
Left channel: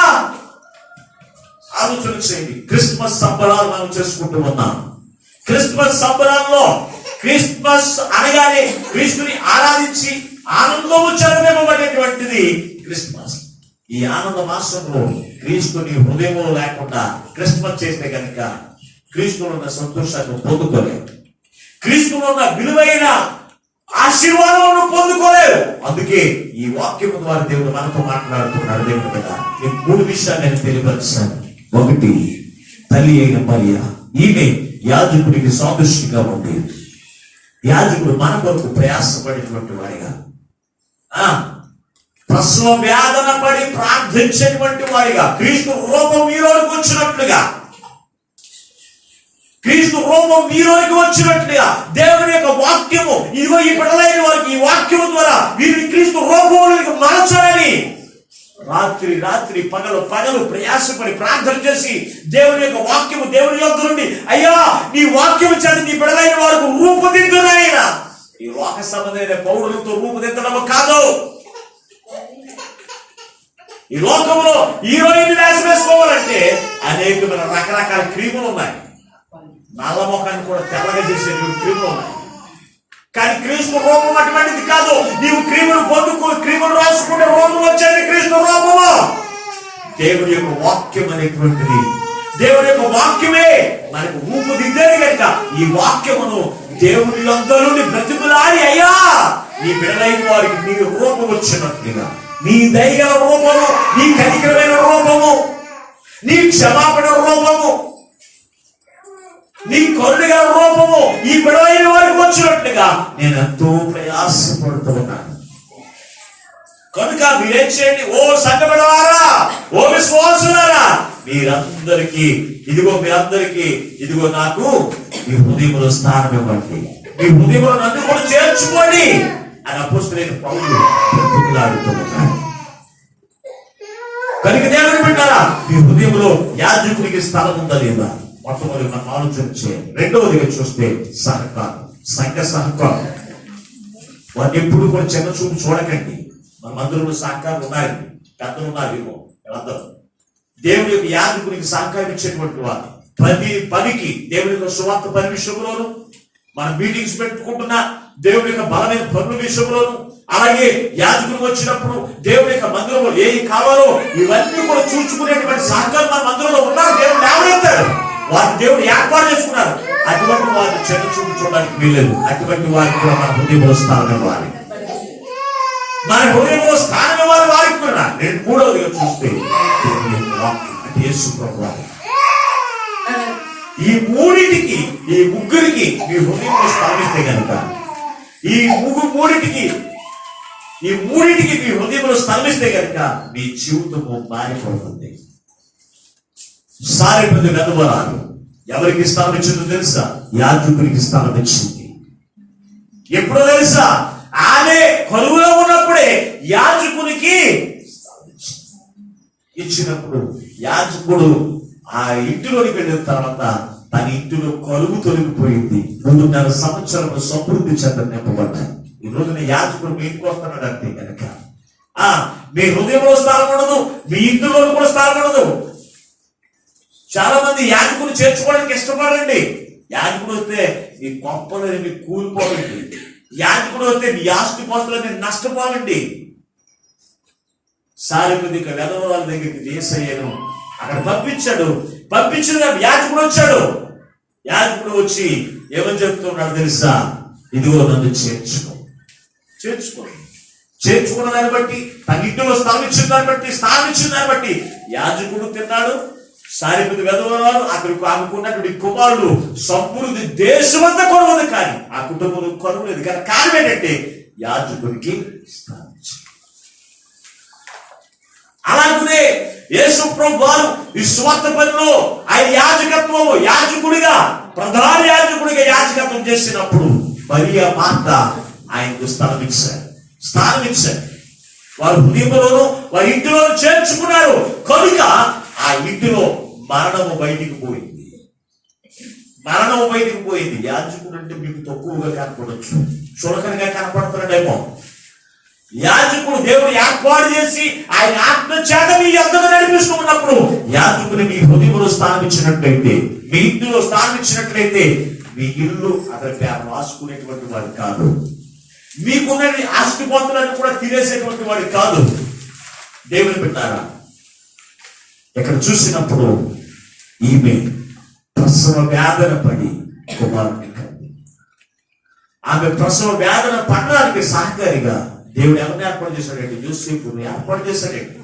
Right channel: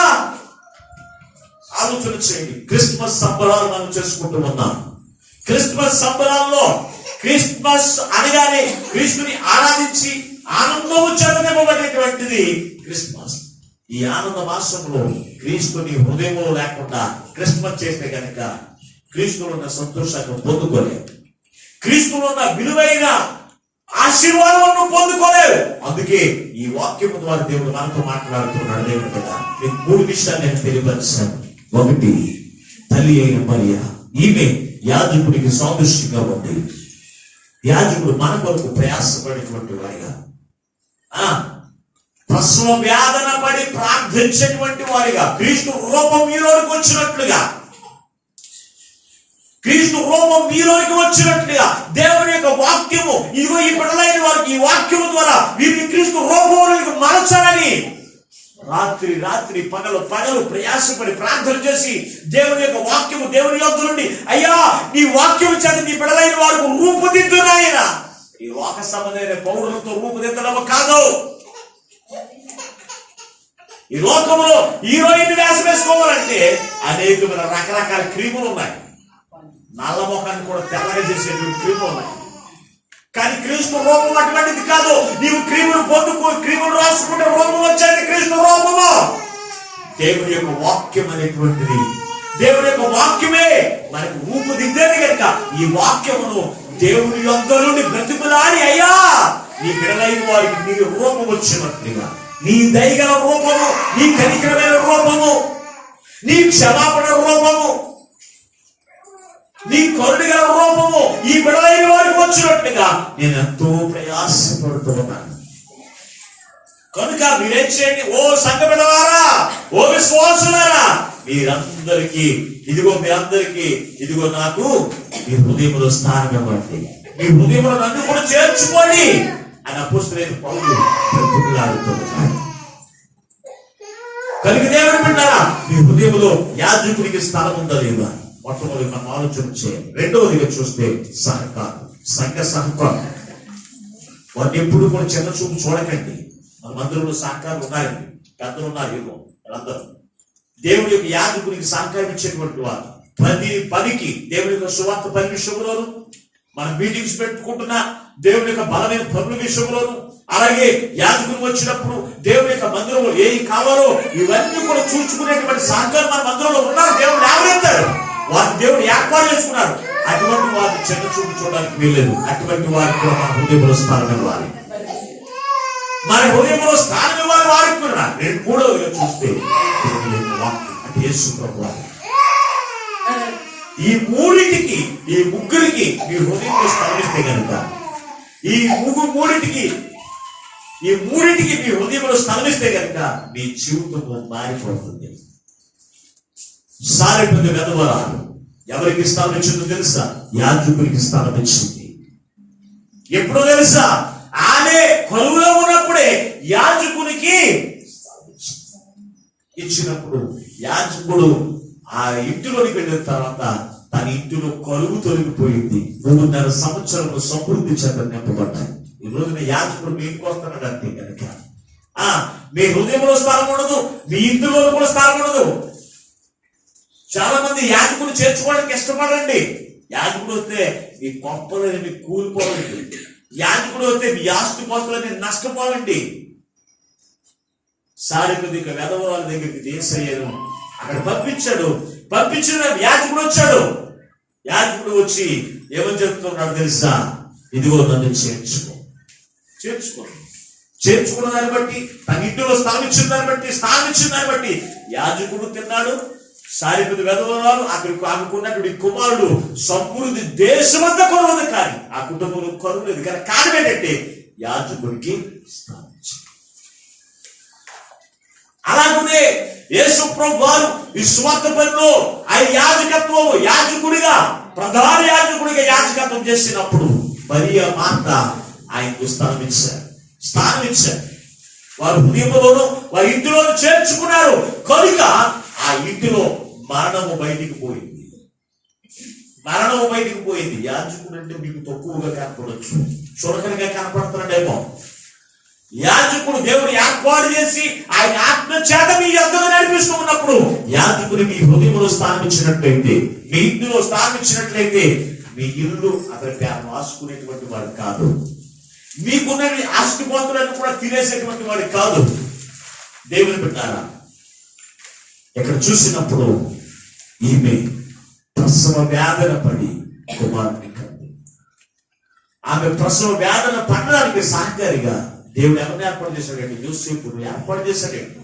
ఆలోచన చేయండి. క్రిస్మస్ సంబరాలు మనం చేసుకుంటూ ఉన్నాం. క్రిస్మస్ సంబరాల్లో క్రిస్మస్ అనగానే క్రీస్తుని ఆరాధించి ఆనందము చెలవివ్వబడేటువంటిది క్రిస్మస్. ఈ ఆనంద మాసంలో క్రీస్తుని హృదయంలో లేకుండా క్రిస్మస్ చేస్తే కనుక క్రీస్తులో ఉన్న సంతోషాన్ని పొందుకోలేవు, క్రీస్తులో ఉన్న విలువైన ఆశీర్వాదాలను పొందుకోలేవు. అందుకే ఈ వాక్యం ద్వారా దేవుడు మనతో మాట్లాడుతున్నాడు. దేవుడు బిడ్డ, నేను 3 విషయాలు నేను తెలియపరిచాను. ఒకటి, తల్లి అయిన మరియ, ఈమె యాజకుడికి సాదృశ్యంగా ఉంది. యాజకుడు మన కొరకు ప్రయాసపడేటువంటి వాడిగా, ప్రసవ వేదన పడి ప్రార్థించేటువంటి వాడిగా, క్రీస్తు రూపం మీలోకి వచ్చినట్లుగా, క్రీస్తు రూపం మీలోకి వచ్చినట్లుగా దేవుని యొక్క వాక్యము, ఇదిగో ఈ బిడ్డలైన వారికి ఈ వాక్యము ద్వారా వీరిని క్రీస్తు రూపంలోకి మార్చాలని రాత్రి రాత్రి పగలు పగలు ప్రయాసపడి ప్రార్థన చేసి దేవుని యొక్క వాక్యము దేవుని యొద్ద నుండి, అయ్యా నీ వాక్యము చేత నీ బిడ్డలైన వారికి రూపుదిద్దునాయన. ఈ లోక సంబంధమైన పౌరులతో రూపుదిద్దడము కాదు. ఈ లోకంలో హీరోయిన్ వేసి వేసుకోవాలంటే అనేకమైన రకరకాల క్రీములు ఉన్నాయి. నల్ల ముఖాన్ని కూడా తెల్లగా చేసే క్రీములు ఉన్నాయి. కానీ క్రీస్తు రూపం అటువంటిది కాదు. నీవు క్రీములు పొందుకు క్రీములు రాసుకుంటే రూపం వచ్చేది క్రీస్తు రూపము. దేవుని యొక్క వాక్యం అనేటువంటిది, దేవుని యొక్క వాక్యమే మనకు రూపుదిద్దేది కనుక ఈ వాక్యమును దేవుని యొద్ద నుండి బ్రతిమలాడి, అయ్యా నీ బిడ్డలైన వారికి నీ రూపం వచ్చినట్లుగా, నీ దయగల రూపము, నీ కనికరమైన రూపము, నీ క్షమాపణ రూపము, నీ కరుణగల రూపము ఈ బిడ్డలైన వారికి వచ్చినట్లుగా నేను ఎంతో ప్రయాసపడుతూ ఉన్నాను. కనుక మీరేం చేయండి, ఓ సంఘ బిడ్డలారా, ఓ విశ్వాసులారా, మీరందరికీ ఇదిగో నాకు మీ హృదయంలో స్థానం ఇవ్వండి, మీ హృదయంలో నన్ను కూడా చేర్చుకోండి అని అపోస్తలుడైన పౌలు బ్రతిమలాడుతున్నాడు. కనుక దేవుని బిడ్డలారా, మీ హృదయంలో యాజకుడికి స్థలం ఉందా లేదా? మొట్టమొదటి మనం ఆలోచన చేయాలి. రెండవదిగా చూస్తే సహకారం, సంఘ సహకారం. వాటిని ఎప్పుడు కూడా చిన్న చూపు చూడకండి. మన మందిరంలో సహకారం ఉన్నారండి, పెద్దలు ఉన్నారు, ఏమో అందరూ దేవుని యొక్క యాజకునికి సహకారం ఇచ్చేటువంటి వారు. ప్రతి పనికి దేవుని యొక్క సువార్త పని విషయంలోను, మన మీటింగ్స్ పెట్టుకుంటున్న దేవుని యొక్క బలమైన పనుల విషయంలోను, అలాగే యాజకులు వచ్చినప్పుడు దేవుని యొక్క మందిరంలో ఏవి కావాలో ఇవన్నీ కూడా చూసుకునేటువంటి సహకారం మన మందిరంలో ఉన్నారు. దేవుడు ఎవరెత్తాడు, వారిని దేవుడు ఏర్పాటు చేసుకున్నారు. అటువంటి వారిని చిన్న చూపు చూడడానికి వీలేదు. అటువంటి వారికి కూడా మన హృదయంలో స్థానం ఇవ్వాలి, మన హృదయంలో స్థానం ఇవ్వాలి వారికి కూడా. మూడవదిగా చూస్తే దేవుని యొక్క వాక్యం అంటే యేసు ప్రభువు. ఈ మూడింటికి, ఈ ముగ్గురికి మీ హృదయంలో స్థానిస్తే కనుక, ఈ మూడింటికి మీ హృదయంలో స్థానిస్తే కనుక మీ జీవితము మారిపోతుంది. సారెపల్లి వెధవరాలు ఎవరికి స్థానం ఇచ్చిందో తెలుసా? యాజకునికి స్థానం ఇచ్చింది. ఎప్పుడో తెలుసా? ఆమె కరువులో ఉన్నప్పుడే యాజకునికి ఇచ్చినప్పుడు యాజకుడు ఆ ఇంటిలోకి వెళ్ళిన తర్వాత తన ఇంటిలో కరువు తొలగిపోయింది. 3.5 సంవత్సరాలు సమృద్ధి చెంత నింపబడ్డాయి. ఈ రోజున యాజకుడు మీ ఇంటికి వస్తున్నాడు అంటే కనుక మీ హృదయంలో స్థలం ఉండదు, మీ ఇంటిలో కూడా స్థలం ఉండదు. చాలా మంది యాజకుడు చేర్చుకోవడానికి ఇష్టపడండి. యాజకుడు వస్తే మీ కొంపలని మీకు కూలిపోవాలండి. యాజకుడు వస్తే మీ ఆస్తి పోస్తులని నష్టపోవాలండి. సారిపదిక వెధవ వాళ్ళ దగ్గరికి యేసయ్యను అక్కడ పంపించిన యాజకుడు వచ్చాడు. యాజకుడు వచ్చి ఏమని చెప్తున్నాడు తెలుసా? ఇదిగో నన్ను చేర్చుకున్న దాన్ని బట్టి, తన ఇంటిలో స్థలం ఇచ్చిన దాన్ని బట్టి యాజకుడు తిన్నాడు. సారిపతి వెధవరాలు అక్కడికి ఆమెకున్నటువంటి కుమారుడు సమృద్ధి దేశమంతా కొరవదు, కానీ ఆ కుటుంబంలో కరువు లేదు. కానీ కారణం ఏంటంటే యాజకుడికి స్థానం ఇచ్చాడు. అలాగే యేసు ప్రభువు వారు ఈ స్వార్థ పనిలో ఆయన యాజకుడిగా ప్రధాన యాజకుడిగా యాజకత్వం చేసినప్పుడు మరియ మార్త ఆయనకు స్థానం ఇచ్చారు. వారు హృదయంలోనూ వారి ఇంటిలోనూ చేర్చుకున్నారు కనుక ఆ ఇంటిలో మరణము బయటికి పోయింది. యాజకుడు అంటే మీకు తక్కువగా కనపడవచ్చు, చులకనగా కనపడుతున్నాడేమో. యాజకుడు దేవుడు ఏర్పాటు చేసి ఆయన ఆత్మ చేత మీ యొద్దకు నడిపిస్తూ ఉన్నప్పుడు యాజకుడు మీ హృదయంలో స్థానం ఇచ్చినట్లయితే, మీ ఇంటిలో స్థానం ఇచ్చినట్లయితే మీ ఇల్లు అతని పేరు రాసుకునేటువంటి వాడు కాదు. మీకున్న ఆస్తి పొందులను కూడా తినేసేటువంటి వాడు కాదు. దేవుని బిడ్డారా, ఇక్కడ చూసినప్పుడు ఈమె ప్రసవ వేదన పడి కుమారుని కంది. ఆమె ప్రసవ వేదన పడడానికి సహకారిగా దేవుడు ఎవరిని ఏర్పాటు చేశాడండి? యోసేపును ఏర్పాటు చేశాడండి.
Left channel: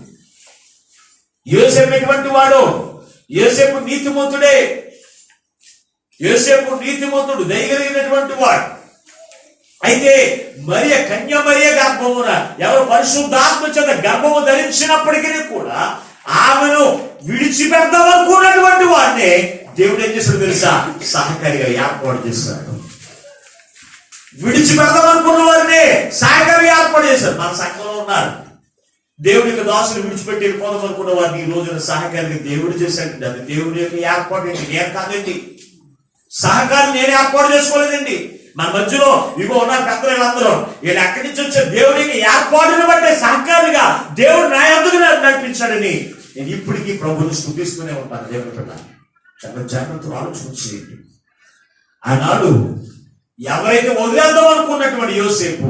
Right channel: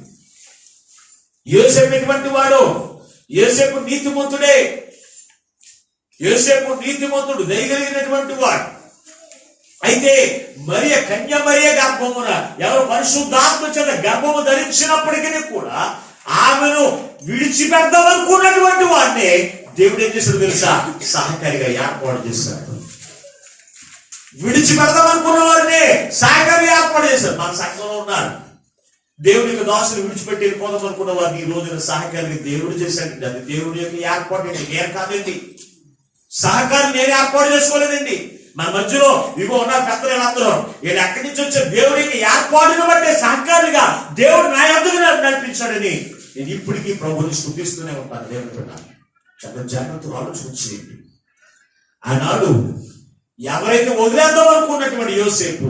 యోసేపు ఎటువంటి వాడు? యోసేపు నీతిమంతుడు, దయగలిగినటువంటి వాడు. అయితే కన్య మరియ గర్భమున ఎవరు పరిశుద్ధాత్మ చేత గర్భము ధరించినప్పటికీ కూడా ఆమెను విడిచిపెడదామనుకున్నటువంటి వాడిని దేవుడు ఏం చేశాడు తెలుసా? సహకారిగా ఏర్పాటు చేశాడు. విడిచిపెడదామనుకున్న వారిని సహకారిగా ఏర్పాటు చేశాడు. మన సంఘంలో ఉన్నారు దేవుడి యొక్క దాసులు విడిచిపెట్టి వెళ్ళిపోదాం అనుకున్న వారిని ఈ రోజున సహకారిగా దేవుడు చేశాడండి. అది దేవుడి యొక్క ఏర్పాటు అండి, నేను కాదండి. సహకారం నేను ఏర్పాటు చేసుకోలేదండి. మన మధ్యలో ఇగో ఉన్నారు పెద్దలు, వీళ్ళందరూ వీళ్ళు ఎక్కడి నుంచి వచ్చే దేవుడికి ఏర్పాటును బట్టే సహకారిగా దేవుడు నా యొద్దకు నడిపించాడని నేను ఇప్పటికీ ప్రభువుని స్తుతిస్తూనే ఉంటాను. దేవుని బిడ్డ, చాలా జాగ్రత్తగా ఆలోచన చేయండి. ఆనాడు ఎవరైతే వదిలేద్దాం అనుకున్నటువంటి యోసేపు,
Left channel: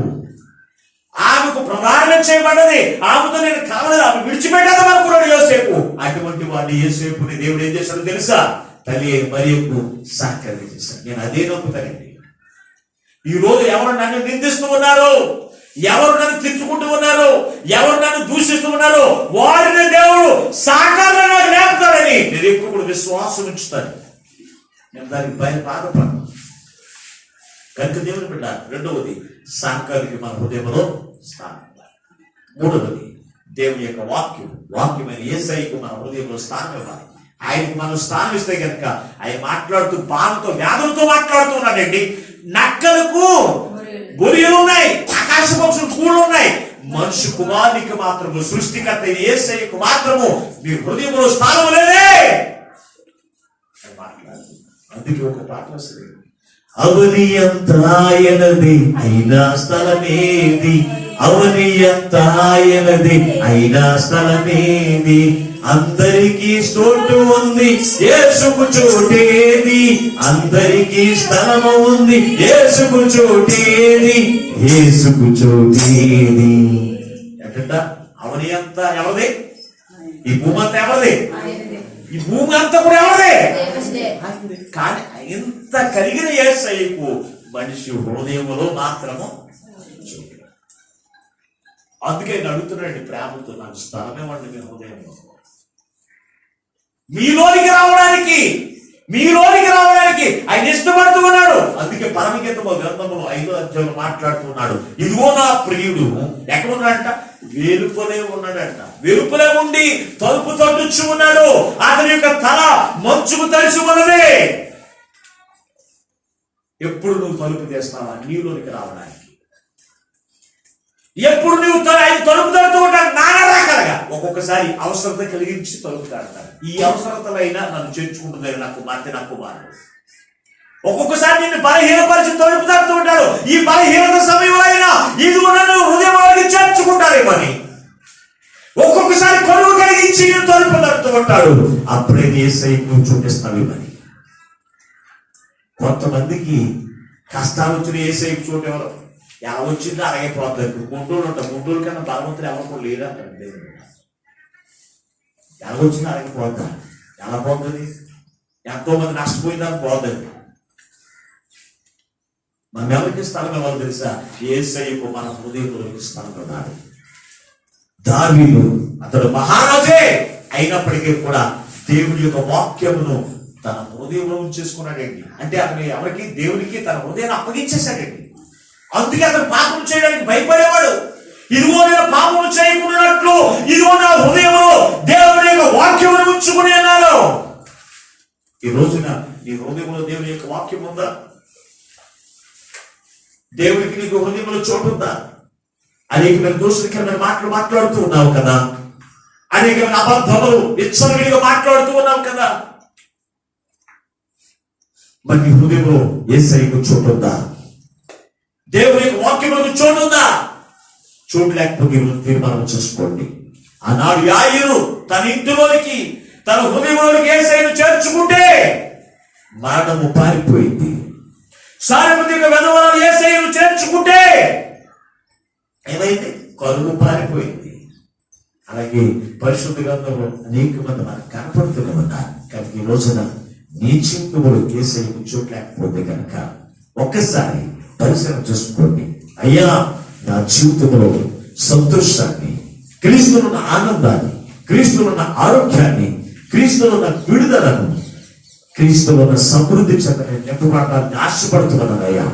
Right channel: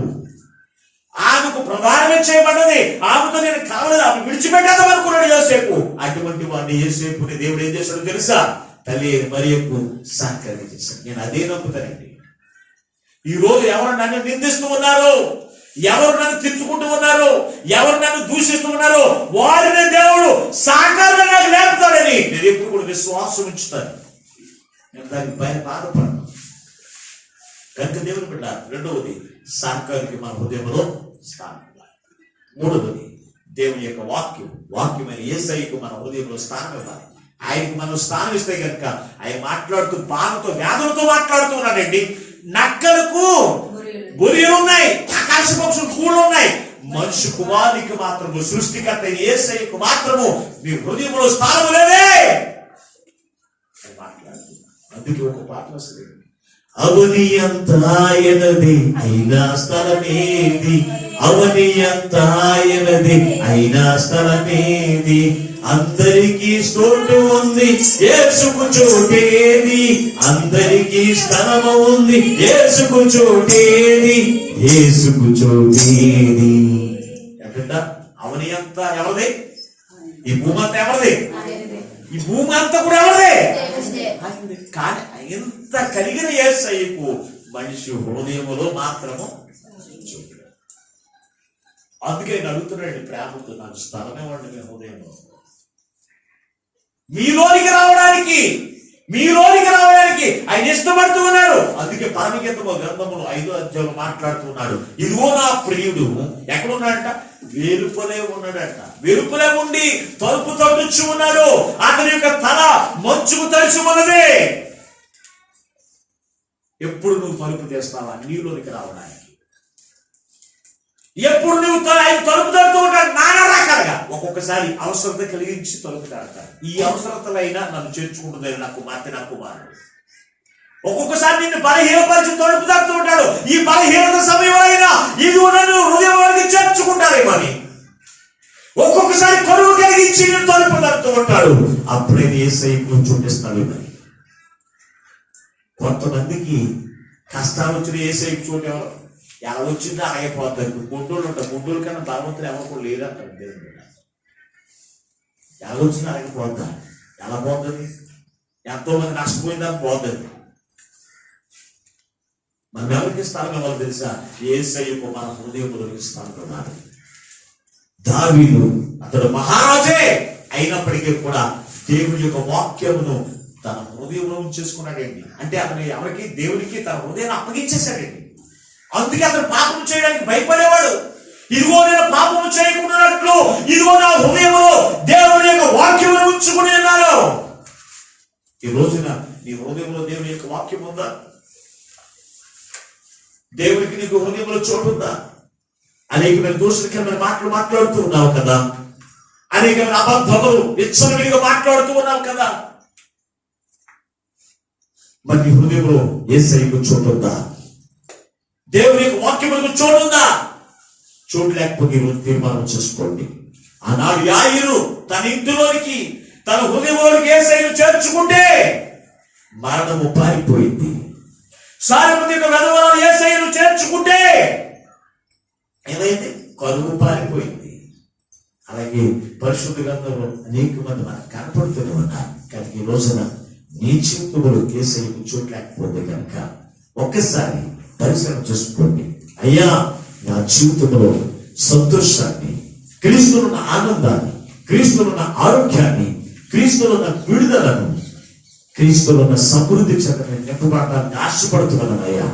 ఆమెకు ప్రధానంగా చేయబడ్డది, ఆమెతో నేను కావలేదు, ఆమె విడిచిపెట్టేద్దాం అనుకున్నాడు యోసేపు. అటువంటి వాడిని యోసేపుని దేవుడు ఏం చేశాడో తెలుసా? తల్లి మరియకు సహకారం చేశాడు. నేను అదే నొక్కుతానండి. ఈ రోజు ఎవరు నన్ను నిందిస్తూ ఉన్నారు, ఎవరు నన్ను తిట్టుకుంటూ ఉన్నారు, ఎవరు నన్ను దూషిస్తూ ఉన్నారు, వారిని దేవుడు సహకారంగా లేపుతాడని నేను ఎప్పుడు కూడా విశ్వాసం ఉంచుతాను. నేను దానికి బాధపడను. కనుక దేవుని బిడ్డ, రెండవది సహకారికి మన హృదయంలో స్థానం. మూడవది దేవుని యొక్క వాక్యమైన యేసయ్యకు మన హృదయంలో స్థానం ఇవ్వాలి. ఆయనకు మనం స్థానం ఇస్తే కనుక ఆయన మాట్లాడుతూ బాధతో వ్యాధులతో మాట్లాడుతూ ఉన్నాడండి. నక్కలకు గొర్రెలు ఉన్నాయి, ఆకాశ పక్షులు కూళ్ళు ఉన్నాయి, మనుషు కుమారునికి మాత్రము, సృష్టికర్త యేసయ్యకు మాత్రము మీ హృదయంలో స్థానం లేదే మాట్లాడుతుంది. అందుకే ఒక పాట వస్తుంది, అవని ఎంత ఆయనది అయినా స్థలమేది, అవని ఎంత ఆయనది అయినా స్థలమేది, అందరికీ చోటు ఉంది యేసుకు చోటేది, అందరికీ స్థలము ఉంది యేసుకు చోటేది, యేసుకు చోటేది. ఎట్ట అవని అంతా ఎవరిది? ఈ భూమి అంతా ఎవరిది? ఈ భూమి అంతా కూడా ఎవరిదే? కానీ ఇంత కలిగిన యేసయ్యకు మనిషి హృదయములో మాత్రము చోటు. అందుకే నేను అడుగుతున్నాడు ప్రేమతో, నాకు స్థలమే వండి మీ హృదయంలో. మీలోనికి రావడానికి ఆయన ఇష్టపడుతూ ఉన్నాడు. అందుకే పరమగీతము గ్రంథములో 5వ అధ్యాయంలో మాట్లాడుతున్నాడు, ఇదిగో నా ప్రియుడు ఎక్కడున్నాడంట? వెలుపలే ఉన్నాడంట. వెలుపలే ఉండి తలుపు తట్టుచు ఉన్నాడు. అతని యొక్క తల మంచుకు తడిసి ఉన్నది. ఎప్పుడు నువ్వు తలుపు తీస్తావా నీలోనికి రావడానికి? ఎప్పుడు నువ్వు ఆయన తలుపు తడుతూ ఉంటాడు నానా రకాలుగా. ఒక్కొక్కసారి అవసరత కలిగించి తలుపు తడతాడు. ఈ అవసరతలైనా నన్ను చేర్చుకుంటుంది నా కుమార్తె, నా కుమారుడు. ఒక్కొక్కసారి నిన్ను బలహీనపరిచి తలుపు తడుతూ ఉంటాడు. ఈ బలహీనత సమయంలో అయినా వెళ్తూ ఉంటాడు. అప్పుడే యేసయ్యకు చూపిస్తాడు. మరి కొంతమందికి కష్టాలు వచ్చిన యేసయ్యకు చోటు ఎవరు ఎలా వచ్చిందో అరగైపోతారు. గుంటూరు ఉంటారు, గుంటూరు కన్నా బలవంతులు ఎవరు లేదంటారు. దేవుడు ఎలా వచ్చిందో అరగైపోతారు. ఎలా పోతుంది? ఎంతో మంది నష్టపోయిందని పోతుంది. మనం ఎవరికి స్థలం ఇవ్వాలి తెలుసా? యేసయ్యకు మన హృదయంలోకి స్థలం ఇవ్వాలి. దావీదు అతడు మహారాజే అయినప్పటికీ కూడా దేవుని యొక్క వాక్యమును తన హృదయంలో ఉంచేసుకున్నాడండి. అంటే అతను ఎవరికి? దేవునికి తన హృదయాన్ని అప్పగించేశాడండి. అందుకే అతను పాపం చేయడానికి భయపడేవాడు. ఇదిగో నేను పాపము చేయకున్నట్లు ఇదిగో నా హృదయంలో దేవుని యొక్క వాక్యమును ఉంచుకుని అన్నాడు. ఈ రోజున నీ హృదయంలో దేవుని యొక్క వాక్యం ఉందా? దేవునికి నీకు హృదయంలో చోటు ఉందా? అనేకమైన దోషకరమైన మాటలు మాట్లాడుతూ ఉన్నావు కదా, అనేకమైన అబద్ధములు విచ్చలవిడిగా మాట్లాడుతూ ఉన్నావు కదా. మరి నీ హృదయంలో యేసయ్యకు చోటు ఉందా? దేవుని యొక్క వాక్యములకు చోటు ఉందా? చోటు లేకపోతే తీర్మానం చేసుకోండి. ఆనాడు యాయిరు తన ఇంటిలోనికి తన హృదయంలోనికి యేసయ్యను చేర్చుకుంటే మరణము పారిపోయింది. సారెపతి యొక్క వెధవరాలు యేసయ్యను చేర్చుకుంటే ఏమైంది? కరువు పారిపోయింది. అలాగే పరిశుద్ధ గ్రంథంలో అనేక మంది మనకు కనపడుతూనే ఉన్నారు. కానీ ఈ రోజున నీ జీవితంలో యేసయ్యకు చోటు లేకపోతే కనుక ఒక్కసారి పరిశీలన చూసుకోండి. అయ్యా, నా జీవితంలో సంతోషాన్ని, క్రీస్తులో ఉన్న ఆనందాన్ని, క్రీస్తులో ఉన్న ఆరోగ్యాన్ని, క్రీస్తులో ఉన్న విడుదలను, క్రీస్తులో ఉన్న సమృద్ధి చెందని నింపబడాలని ఆశపడుతున్నాను అయ్యా.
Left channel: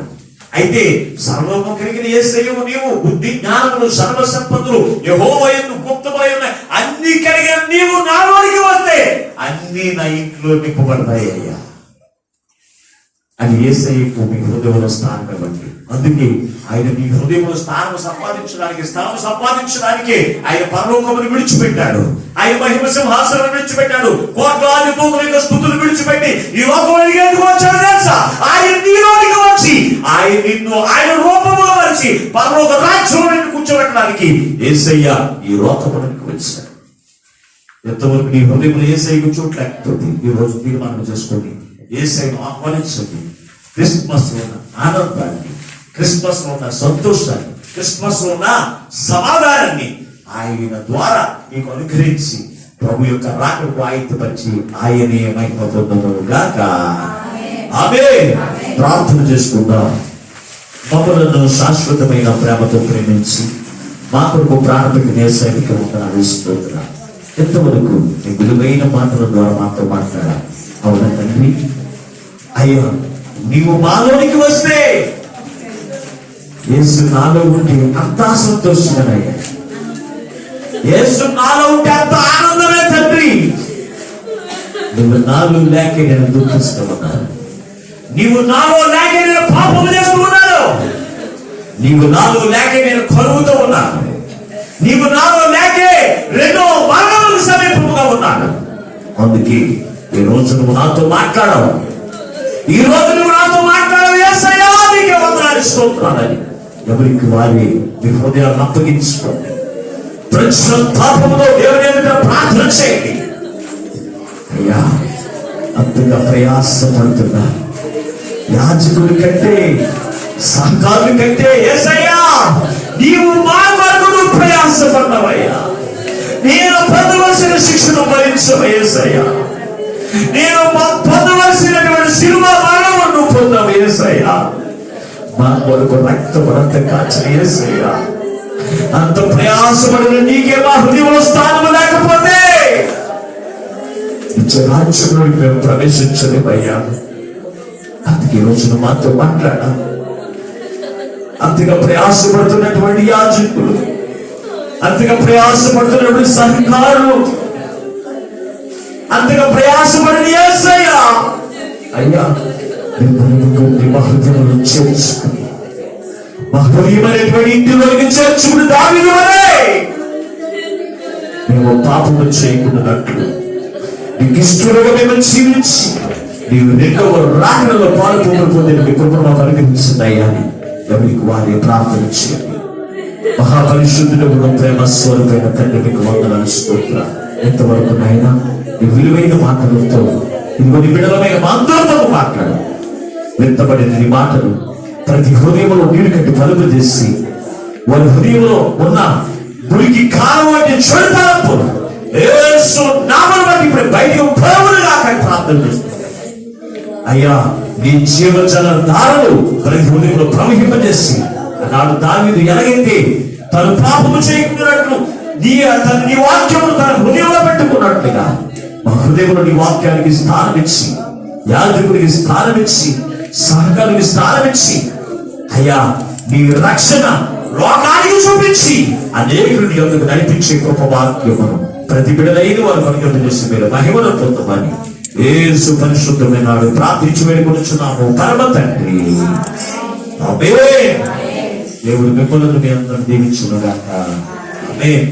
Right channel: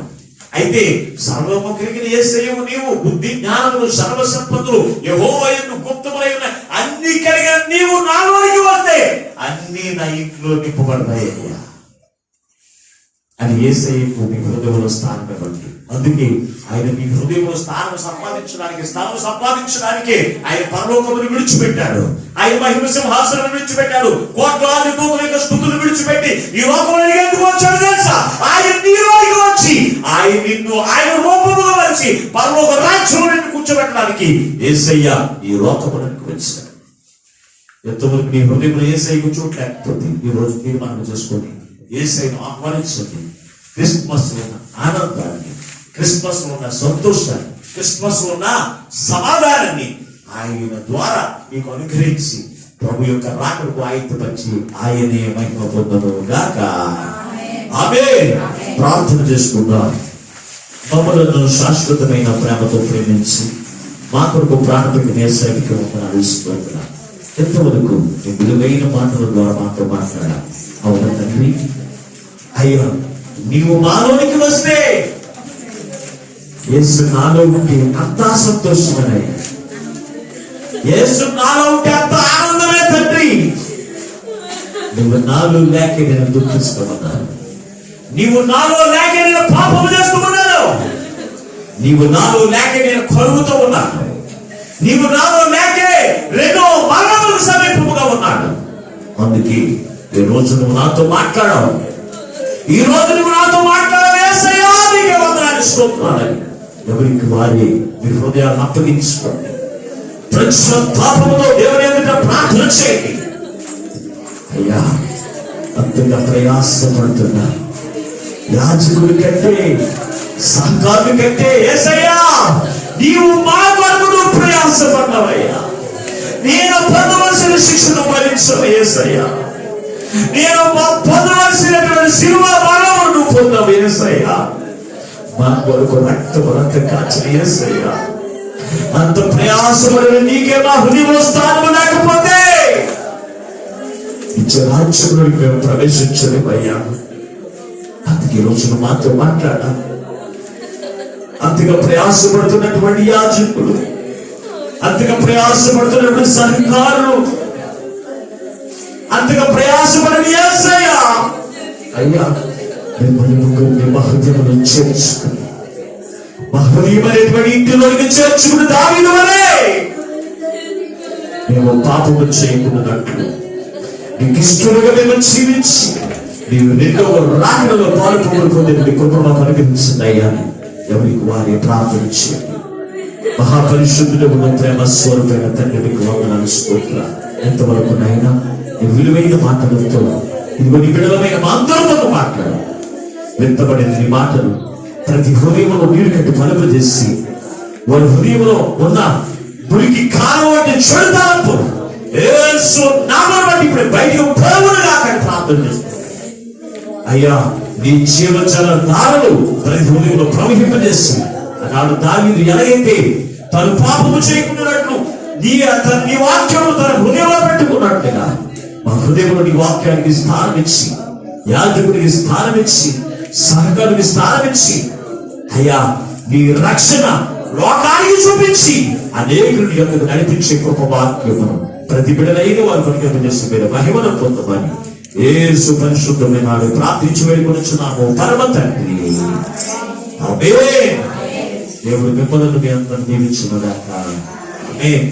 అయితే సర్వము కలిగిన యేసయ్యవు నీవు, బుద్ధి జ్ఞానములు సర్వ సంపదలు యెహోవా యందు గుప్తములై ఉన్నాయి. అన్ని కలిగిన నీవు నాలోనికి వస్తే అన్ని నా ఇంట్లో నింపబడతాయి అయ్యా అని యేసయ్యకు మీ హృదయంలో స్థానం ఇవ్వండి. అందుకే ఆయన మీ హృదయంలో స్థలం సంపాదించడానికి ఆయన పరలోకమును విడిచిపెట్టాడు. ఆయన మహిమ సింహాసనం విడిచిపెట్టాడు. కోట్లాది దూతల యొక్క స్తుతులు విడిచిపెట్టి ఈ లోకంలోకి ఎందుకు వచ్చాడు తెలుసా? ఆయన నీలోనికి వచ్చి ఆయన నిన్ను ఆయన రూపములో వచ్చి పరలోక రాజ్యంలో నిన్ను కూర్చోబెట్టడానికి యేసయ్య ఈ లోకమునికి వచ్చాడు. ఎంతవరకు నీ హృదయంలో యేసయ్యకు చోటు లేకపోతే ఈ రోజు తీర్మానం చేసుకోండి. యేసయ్యను ఆహ్వానించండి. క్రిస్మస్ లో ఉన్న ఆనందాన్ని, క్రిస్మస్ లో ఉన్న సంతోషాన్ని, క్రిస్మస్ లో ఉన్న సమాధానాన్ని ఆయన ద్వారా మీకు అనుగ్రహించి ప్రభు యొక్క రాకకు ఆయుధపరిచి ఆయనే మహిమ పొందనుగాక. ఆమేన్. ప్రార్థన చేసుకుందాం. మమ్మలను శాశ్వతమైన ప్రేమతో ప్రేమించి మా కొరకు ప్రాణపెట్టిన యేసయ్యకి వందనాలు స్తోత్రాలు. ఎంతవరకు నీ విలువైన మాటల ద్వారా మాతో మాట్లాడాలి. అవునా తండ్రి? అయ్యా, నీవు మాలోనికి వస్తే యేసు నాలో ఉంటే అంతా సంతోషమేనయ్యా. యేసు నాలో ఉంటే అంత ఆనందమే తండ్రి. నువ్వు నాలో లేక నేను దుఃఖిస్తూ ఉన్నాను. నీవు నాలో లేక నేను పాపము చేస్తూ ఉన్నాను. నీవు నాలో లేక నేను కరువుతో ఉన్నాను. నీవు నాలో లేకే రెండో మరణములకు సమీపముగా ఉన్నాను. అందుకే ఈ రోజు నువ్వు నాతో మాట్లాడవు. ఈ రోజు నువ్వు నాతో మాట్లాడవు. యేసయ్యా, నీకే వందనాలు స్తోత్రాలని ఎవరికి వారి మీ హృదయాలను అప్పగించుకోండి. పాపముతో దేవుని ఎదుట ప్రార్థన చేయండి. అయ్యా, అంతగా ప్రయాసపడుతున్నా యాజకుడి కంటే సహకారుడి కంటే యేసయ్యా నీవు మా కొరకు నువ్వు ప్రయాసపడ్డావయ్యా. నేను పొందవలసిన శిక్షను భరించవు యేసయ్యా. నేను పొందవలసినటువంటి శిలువ మరణము నువ్వు పొందవు యేసయ్యా. మా కొరకు రక్త కాచిన యేసయ్యా, అంత ప్రయాసపడిన నీకే మా హృదయంలో స్థానం లేకపోతే రాజ్యంలోకి మేము ప్రవేశించలేమయ్యా. అందుకే రోజున మాతో మాట్లాడాలి. అంతగా ప్రయాసపడుతున్నటువంటి యాజకులు, అంతగా ప్రయాసపడుతున్నటువంటి సహకారులు, అంతగా ప్రయాసపడిన యేసయ్య అయ్యా, మిమ్మల్ని ముగ్గురిని మా హృదయంలో చేర్చుకుని మా హృదయమైనటువంటి ఇంటిలోకి చేర్చుకుని దావీదు వలె మేము పాపము చేయకున్నట్లు నీకు ఇష్టలుగా మేము జీవించి నీవు రెండవ రాకడలో పాలుపోలు పొందిన మీ కృపను మాకు అనుగ్రహించింది అయ్యా. ఎవరికి వారి ప్రార్థన చేయండి. మహాపరిశుద్ధుడు ప్రేమ స్వరూపైన తండ్రి మీకు వందనాలు స్తోత్రాలు. ఎంతవరకు నాయనా ఈ విలువైన మాటలతో ఇదిగో నీ బిడ్డలమైన మా అందరితో మాట్లాడు. విత్తబడిన నీ మాటలు ప్రతి హృదయంలో నీరు కట్టి పలుపు చేసి వారి హృదయంలో ఉన్న మురికి కాలం వంటి చెడుతనపు యేసు నామమును బట్టి ఇప్పుడు బయటకు పోవునుగా ప్రార్థన చేస్తున్నాను. అయ్యా నీ జీవజల దారులు ప్రతి హృదయంలో ప్రవహింపజేసి నాడు దావీదు ఎలాగైతే తను పాపము చేయకున్నట్లు నీ వాక్యమును తన హృదయంలో పెట్టుకున్నట్టుగా మా హృదయంలో నీ వాక్యానికి స్థానం ఇచ్చి, యాజకుడికి స్థానం ఇచ్చి, సహకారికి స్థానం ఇచ్చి, అయ్యా నీ రక్షణ లోకానికి చూపించి అనేకుని యొక్కకు నడిపించే గొప్ప వాక్యమును ప్రతి బిడ్డలైన వారు పరిగణ చేసి మీరు మహిమను పొందమని యేసు పరిశుద్ధమైన నాడు ప్రార్థించి వేడుకొనుచున్నాము పరమ తండ్రి. ఆమేన్. దేవుడు మిమ్మల్ని మీ అందరిని దీవించును గాక. ఆమేన్.